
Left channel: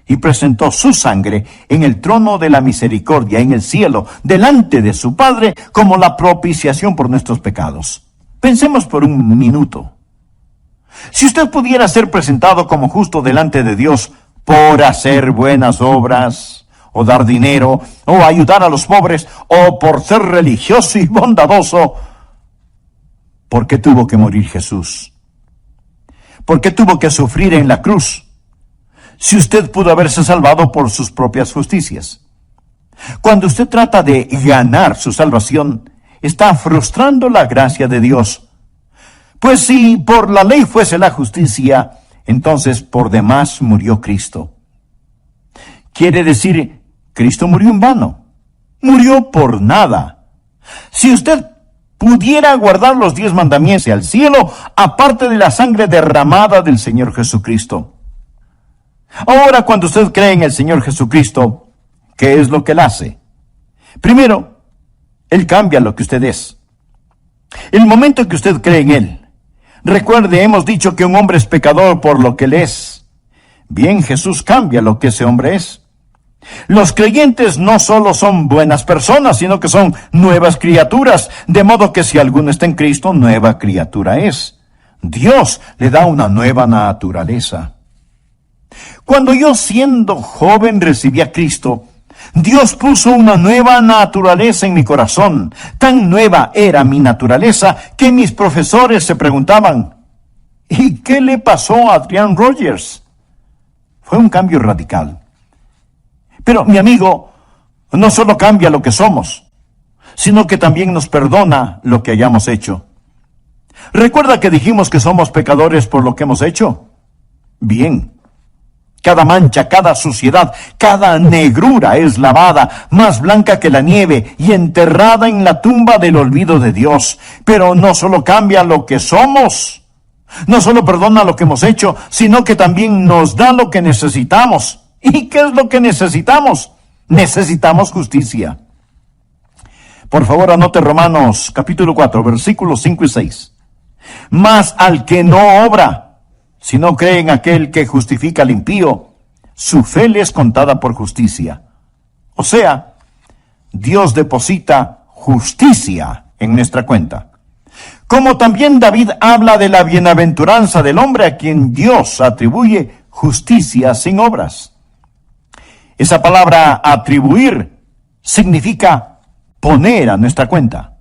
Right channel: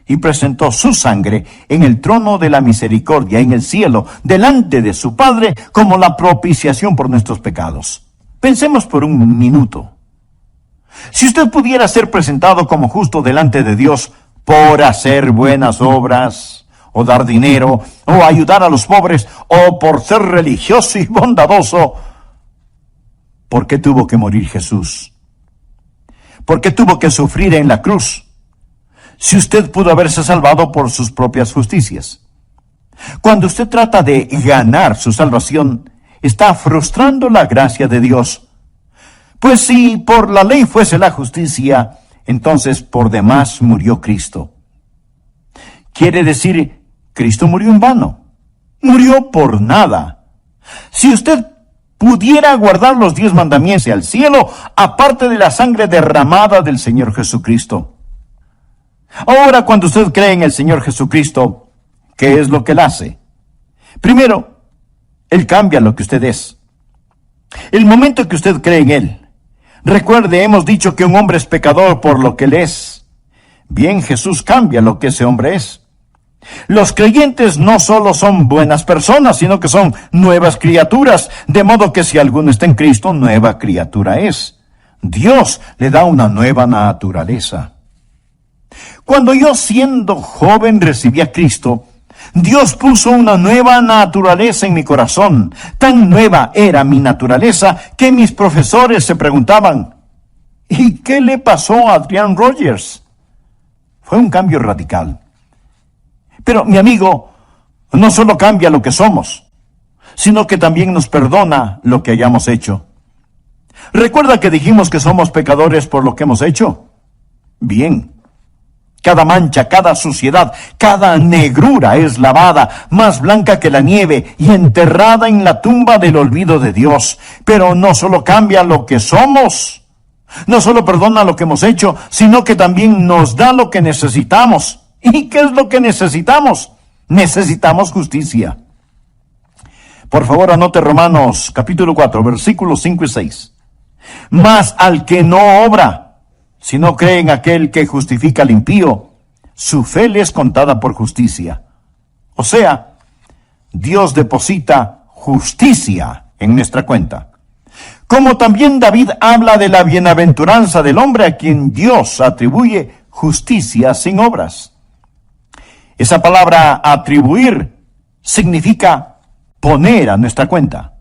y presentó su sangre en el trono de la misericordia en el cielo, delante de su Padre, como la propiciación por nuestros pecados. Pensemos por un minuto. Si usted pudiera ser presentado como justo delante de Dios por hacer buenas obras, o dar dinero, o ayudar a los pobres, o por ser religioso y bondadoso, ¿por qué tuvo que morir Jesús? ¿Por qué tuvo que sufrir en la cruz? Si usted pudo haberse salvado por sus propias justicias. Cuando usted trata de ganar su salvación, está frustrando la gracia de Dios. Pues si por la ley fuese la justicia, entonces por demás murió Cristo. Quiere decir, Cristo murió en vano. Murió por nada. Si usted pudiera guardar los 10 mandamientos al cielo, aparte de la sangre derramada del Señor Jesucristo. Ahora, cuando usted cree en el Señor Jesucristo, ¿qué es lo que Él hace? Primero, Él cambia lo que usted es. El momento que usted cree en Él, recuerde, hemos dicho que un hombre es pecador por lo que Él es. Bien, Jesús cambia lo que ese hombre es. Los creyentes no solo son buenas personas, sino que son nuevas criaturas, de modo que si alguno está en Cristo, nueva criatura es. Dios le da una nueva naturaleza. Cuando yo, siendo joven, recibí a Cristo, Dios puso una nueva naturaleza en mi corazón. Tan nueva era mi naturaleza que mis profesores se preguntaban, ¿y qué le pasó a Adrian Rogers? Fue un cambio radical. Pero, mi amigo, no solo cambia lo que somos, sino que también nos perdona lo que hayamos hecho. ¿Recuerda que dijimos que somos pecadores por lo que hemos hecho? Bien. Cada mancha, cada suciedad, cada negrura es lavada, más blanca que la nieve, y enterrada en la tumba del olvido de Dios. Pero no solo cambia lo que somos, no solo perdona lo que hemos hecho, sino que también nos da lo que necesitamos. ¿Y qué es lo que necesitamos? Necesitamos justicia. Por favor, anote Romanos capítulo 4, versículos 5 y 6. Mas al que no obra, si no cree en aquel que justifica al impío, su fe le es contada por justicia. O sea, Dios deposita justicia en nuestra cuenta. Como también David habla de la bienaventuranza del hombre a quien Dios atribuye justicia sin obras. Esa palabra atribuir significa poner a nuestra cuenta.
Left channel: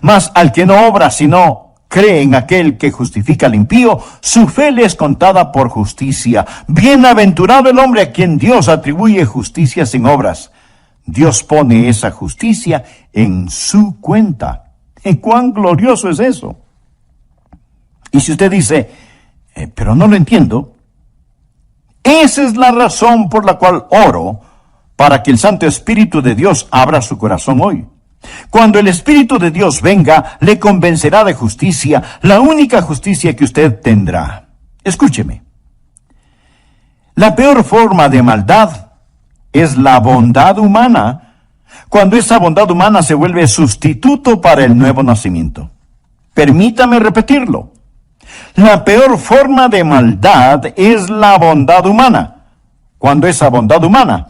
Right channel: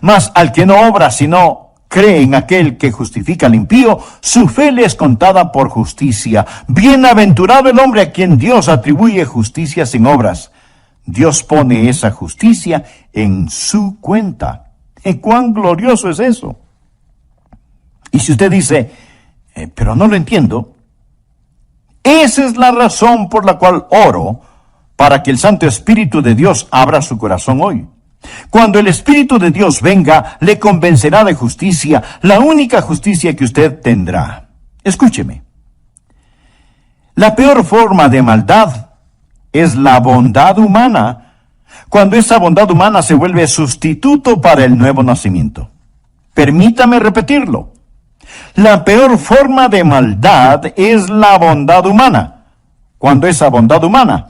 Mas al que no obra, sino cree en aquel que justifica al impío, su fe le es contada por justicia. Bienaventurado el hombre a quien Dios atribuye justicia sin obras. Dios pone esa justicia en su cuenta. ¿Y cuán glorioso es eso? Y si usted dice, pero no lo entiendo, esa es la razón por la cual oro para que el Santo Espíritu de Dios abra su corazón hoy. Cuando el Espíritu de Dios venga, le convencerá de justicia, la única justicia que usted tendrá. Escúcheme. La peor forma de maldad es la bondad humana, cuando esa bondad humana se vuelve sustituto para el nuevo nacimiento. Permítame repetirlo. La peor forma de maldad es la bondad humana, cuando esa bondad humana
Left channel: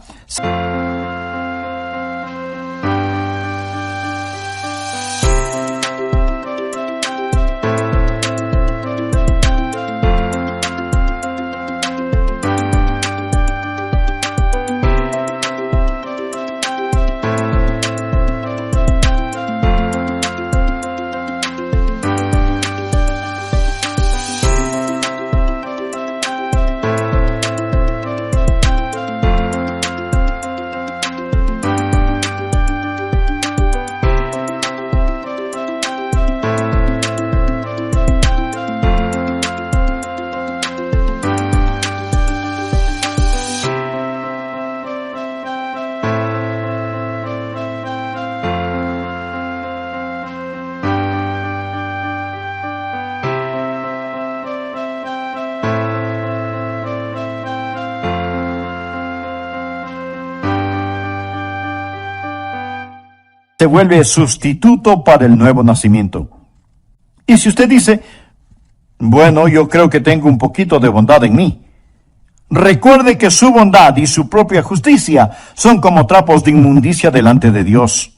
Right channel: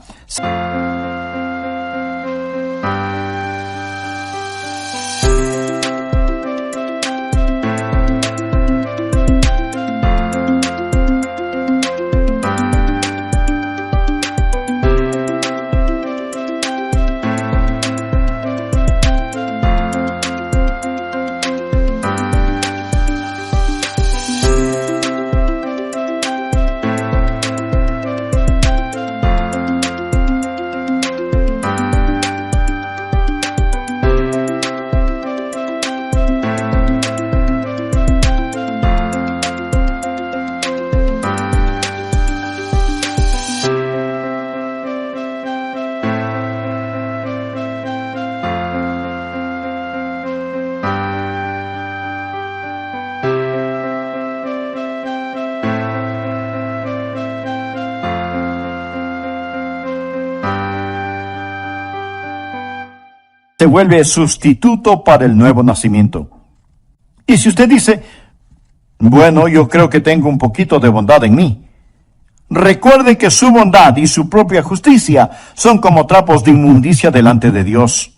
se vuelve sustituto para el nuevo nacimiento. Y si usted dice, bueno, yo creo que tengo un poquito de bondad en mí, recuerde que su bondad y su propia justicia son como trapos de inmundicia delante de Dios.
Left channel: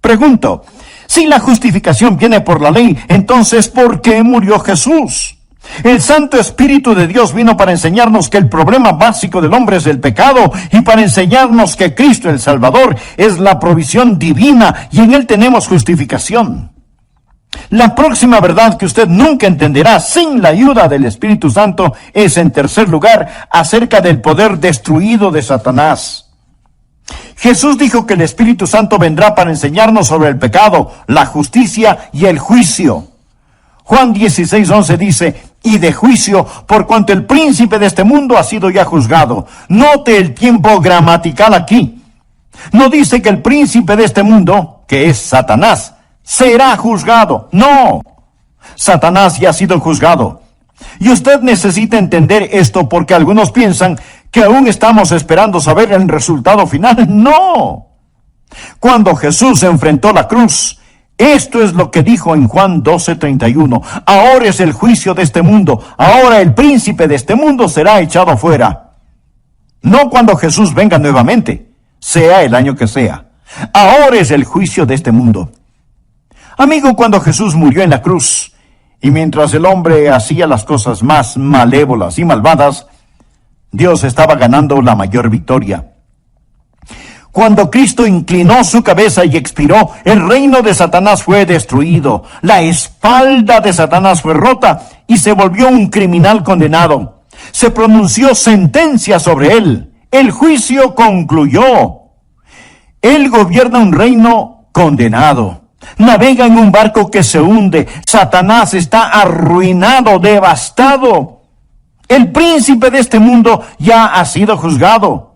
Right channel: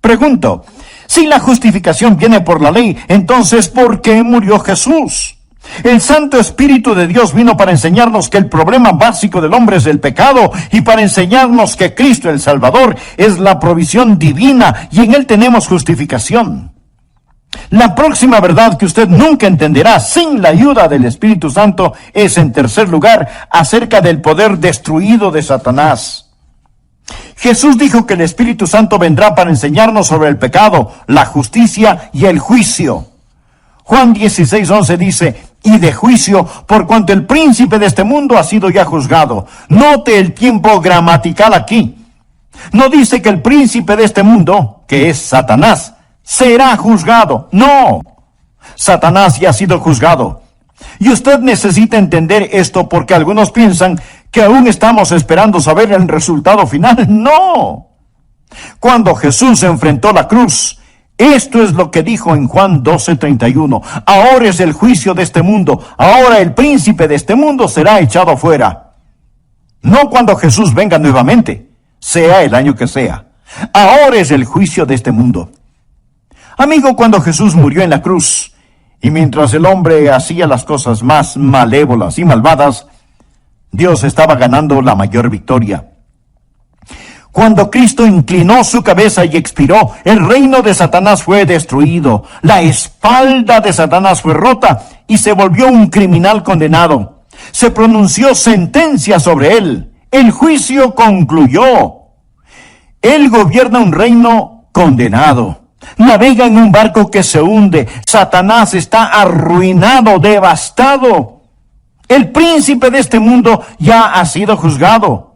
Pregunto, si la justificación viene por la ley, entonces ¿por qué murió Jesús? El Santo Espíritu de Dios vino para enseñarnos que el problema básico del hombre es el pecado y para enseñarnos que Cristo el Salvador es la provisión divina y en Él tenemos justificación. La próxima verdad que usted nunca entenderá sin la ayuda del Espíritu Santo es, en tercer lugar, acerca del poder destruido de Satanás. Jesús dijo que el Espíritu Santo vendrá para enseñarnos sobre el pecado, la justicia y el juicio. Juan 16:11 dice, y de juicio, por cuanto el príncipe de este mundo ha sido ya juzgado. Note el tiempo gramatical aquí. No dice que el príncipe de este mundo, que es Satanás, será juzgado. No, Satanás ya ha sido juzgado. Y usted necesita entender esto porque algunos piensan que aún estamos esperando saber el resultado final. No. Cuando Jesús enfrentó la cruz, esto es lo que dijo en Juan 12:31. Ahora es el juicio de este mundo. Ahora el príncipe de este mundo será echado fuera. No cuando Jesús venga nuevamente, sea el año que sea. Ahora es el juicio de este mundo. Amigo, cuando Jesús murió en la cruz, y mientras el hombre hacía las cosas más malévolas y malvadas, Dios estaba ganando la mayor victoria. Cuando Cristo inclinó su cabeza y expiró, el reino de Satanás fue destruido. La espalda de Satanás fue rota y se volvió un criminal condenado. Se pronunció sentencia sobre él. El juicio concluyó. Él gobierna un reino condenado. Navega en un barco que se hunde. Satanás está arruinado, devastado. El príncipe de este mundo ya ha sido juzgado.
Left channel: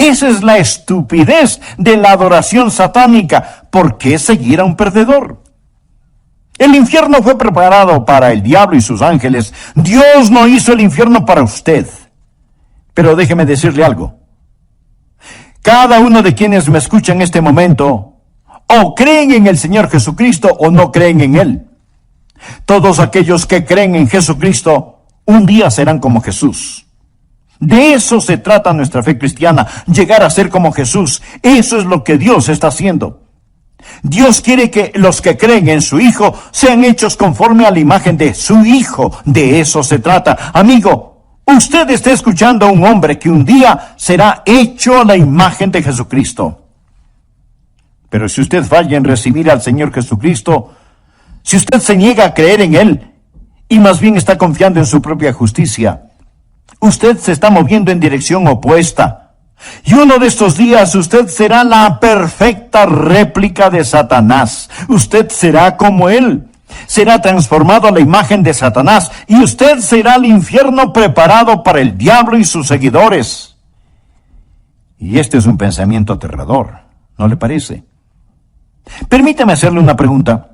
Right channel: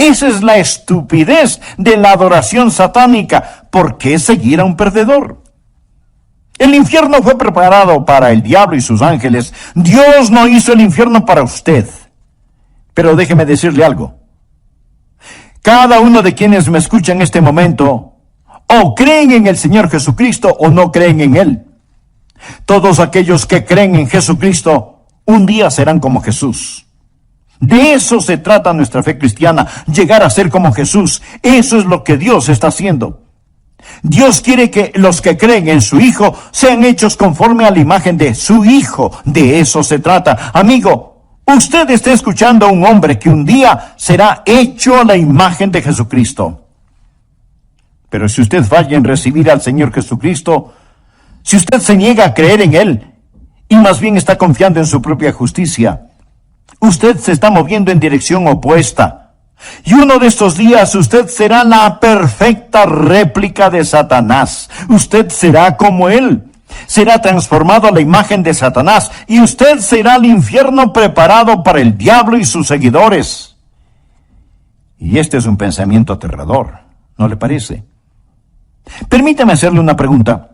Esa es la estupidez de la adoración satánica. ¿Por qué seguir a un perdedor? El infierno fue preparado para el diablo y sus ángeles. Dios no hizo el infierno para usted. Pero déjeme decirle algo. Cada uno de quienes me escucha en este momento, o creen en el Señor Jesucristo o no creen en Él. Todos aquellos que creen en Jesucristo, un día serán como Jesús. De eso se trata nuestra fe cristiana, llegar a ser como Jesús. Eso es lo que Dios está haciendo. Dios quiere que los que creen en su Hijo sean hechos conforme a la imagen de su Hijo. De eso se trata. Amigo, usted está escuchando a un hombre que un día será hecho a la imagen de Jesucristo. Pero si usted falla en recibir al Señor Jesucristo, si usted se niega a creer en Él, y más bien está confiando en su propia justicia, usted se está moviendo en dirección opuesta. Y uno de estos días usted será la perfecta réplica de Satanás. Usted será como él. Será transformado a la imagen de Satanás. Y usted será el infierno preparado para el diablo y sus seguidores. Y este es un pensamiento aterrador, ¿no le parece? Permítame hacerle una pregunta.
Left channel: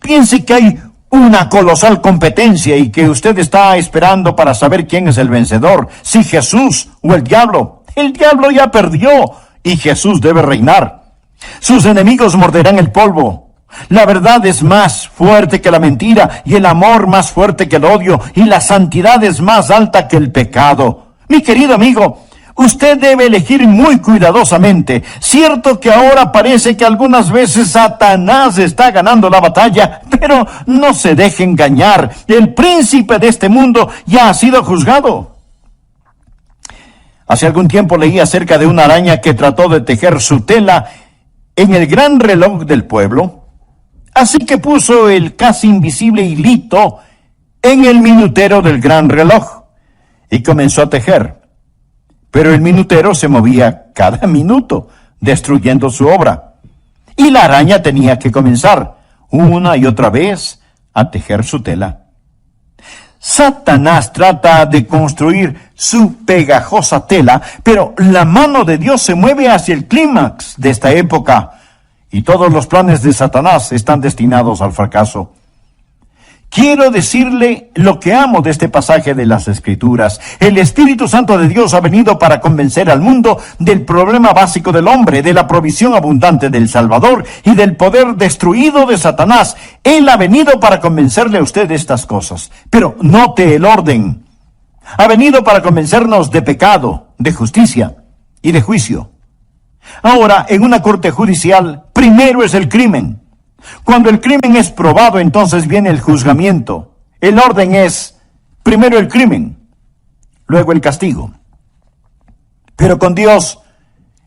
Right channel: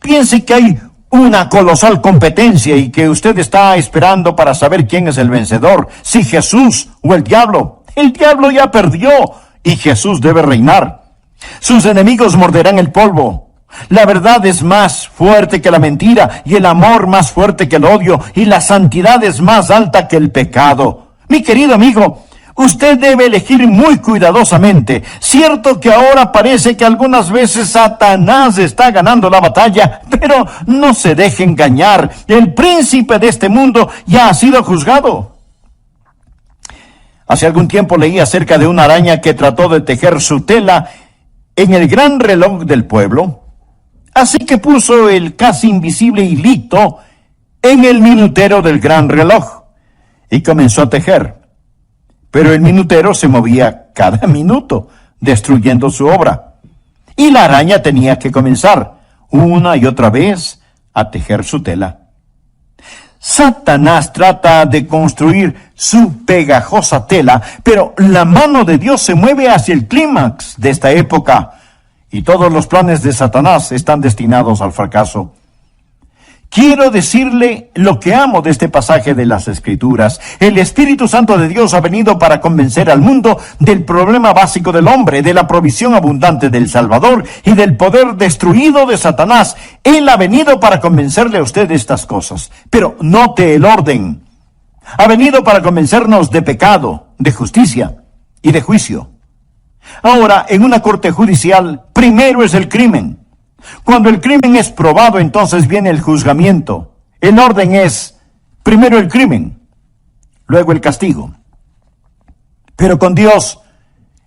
Piense que hay una colosal competencia y que usted está esperando para saber quién es el vencedor, si Jesús o el diablo. El diablo ya perdió y Jesús debe reinar. Sus enemigos morderán el polvo. La verdad es más fuerte que la mentira y el amor más fuerte que el odio y la santidad es más alta que el pecado. Mi querido amigo, usted debe elegir muy cuidadosamente. Cierto que ahora parece que algunas veces Satanás está ganando la batalla, pero no se deje engañar. El príncipe de este mundo ya ha sido juzgado. Hace algún tiempo leí acerca de una araña que trató de tejer su tela en el gran reloj del pueblo. Así que puso el casi invisible hilito en el minutero del gran reloj y comenzó a tejer. Pero el minutero se movía cada minuto, destruyendo su obra. Y la araña tenía que comenzar una y otra vez a tejer su tela. Satanás trata de construir su pegajosa tela, pero la mano de Dios se mueve hacia el clímax de esta época, y todos los planes de Satanás están destinados al fracaso. Quiero decirle lo que amo de este pasaje de las Escrituras. El Espíritu Santo de Dios ha venido para convencer al mundo del problema básico del hombre, de la provisión abundante del Salvador y del poder destruido de Satanás. Él ha venido para convencerle a usted de estas cosas. Pero note el orden. Ha venido para convencernos de pecado, de justicia y de juicio. Ahora, en una corte judicial, primero es el crimen. Cuando el crimen es probado, entonces viene el juzgamiento. El orden es, primero el crimen, luego el castigo. Pero con Dios,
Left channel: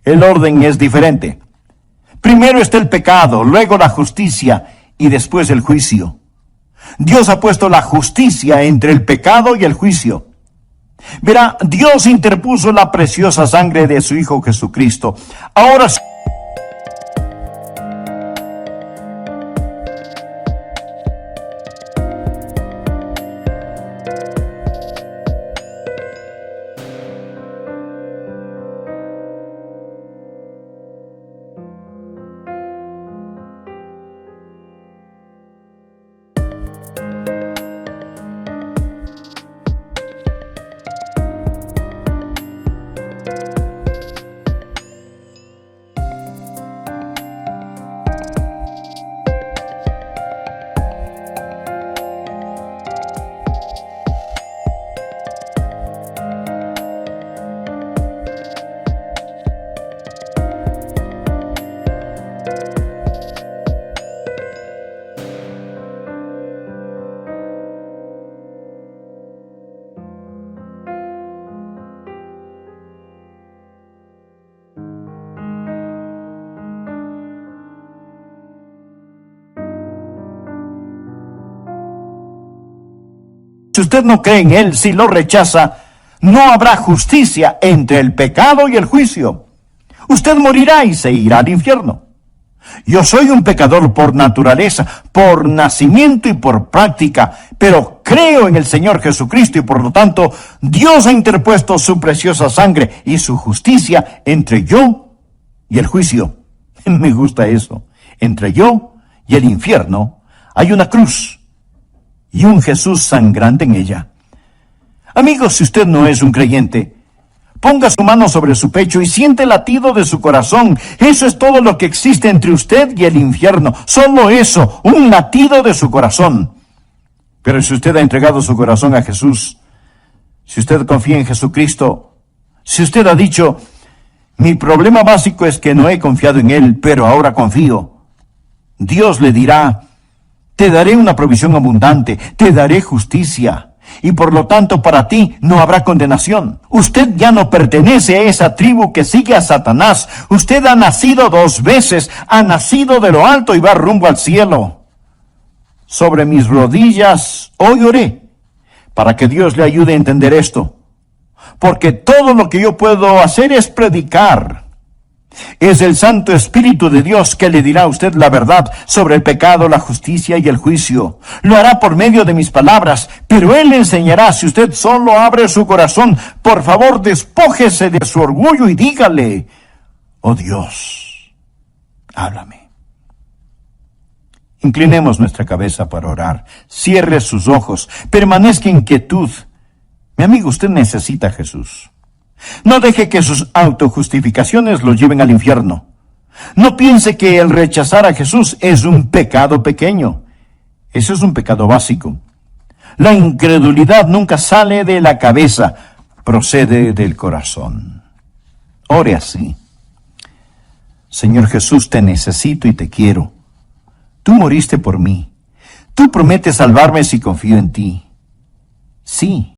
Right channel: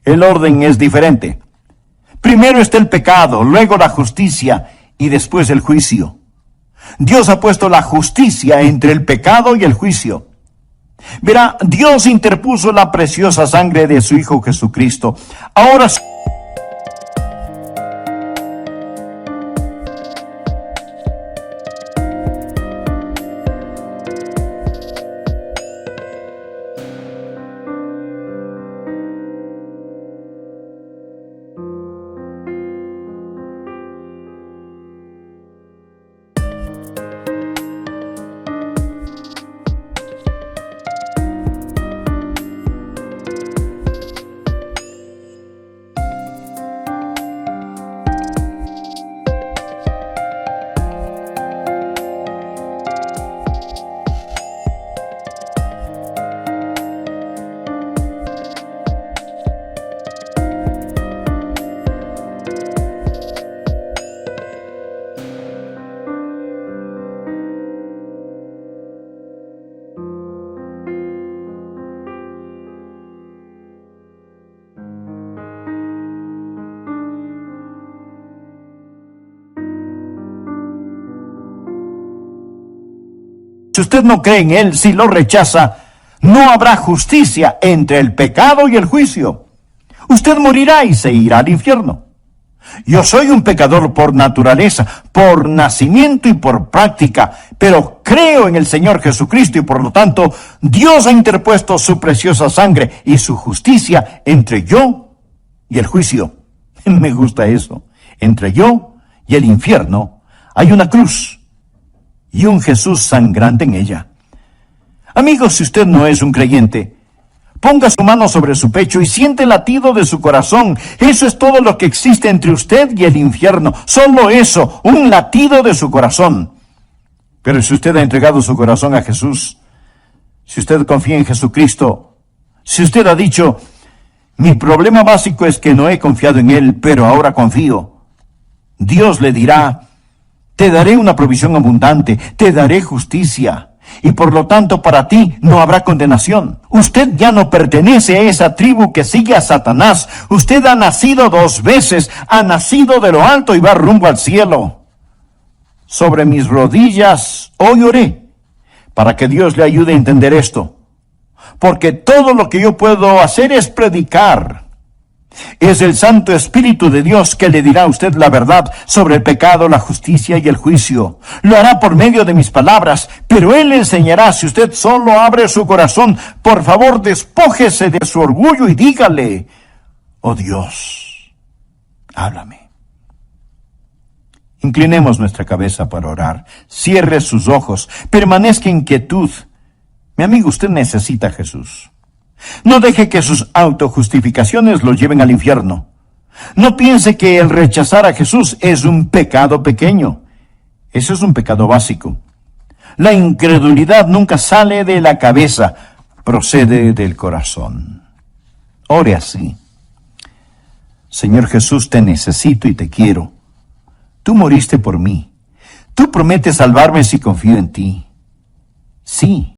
el orden es diferente. Primero está el pecado, luego la justicia y después el juicio. Dios ha puesto la justicia entre el pecado y el juicio. Verá, Dios interpuso la preciosa sangre de su Hijo Jesucristo. Ahora si usted no cree en Él, si lo rechaza, no habrá justicia entre el pecado y el juicio. Usted morirá y se irá al infierno. Yo soy un pecador por naturaleza, por nacimiento y por práctica, pero creo en el Señor Jesucristo y por lo tanto Dios ha interpuesto su preciosa sangre y su justicia entre yo y el juicio. Me gusta eso. Entre yo y el infierno hay una cruz y un Jesús sangrante en ella. Amigos, si usted no es un creyente, ponga su mano sobre su pecho y siente el latido de su corazón. Eso es todo lo que existe entre usted y el infierno. Solo eso, un latido de su corazón. Pero si usted ha entregado su corazón a Jesús, Si usted confía en Jesucristo, si usted ha dicho, mi problema básico es que no he confiado en Él, pero ahora confío, Dios le dirá, te daré una provisión abundante, te daré justicia, y por lo tanto para ti no habrá condenación. Usted ya no pertenece a esa tribu que sigue a Satanás. Usted ha nacido 2 veces, ha nacido de lo alto y va rumbo al cielo. Sobre mis rodillas hoy oré, para que Dios le ayude a entender esto. Porque todo lo que yo puedo hacer es predicar. Es el Santo Espíritu de Dios que le dirá a usted la verdad sobre el pecado, la justicia y el juicio. Lo hará por medio de mis palabras, pero Él le enseñará si usted solo abre su corazón. Por favor, despójese de su orgullo y dígale, oh Dios, háblame. Inclinemos nuestra cabeza para orar. Cierre sus ojos. Permanezca en quietud. Mi amigo, usted necesita a Jesús. No deje que sus autojustificaciones lo lleven al infierno. No piense que el rechazar a Jesús es un pecado pequeño. Eso es un pecado básico. La incredulidad nunca sale de la cabeza, procede del corazón. Ore así. Señor Jesús, te necesito y te quiero. Tú moriste por mí. Tú prometes salvarme si confío en ti. Sí,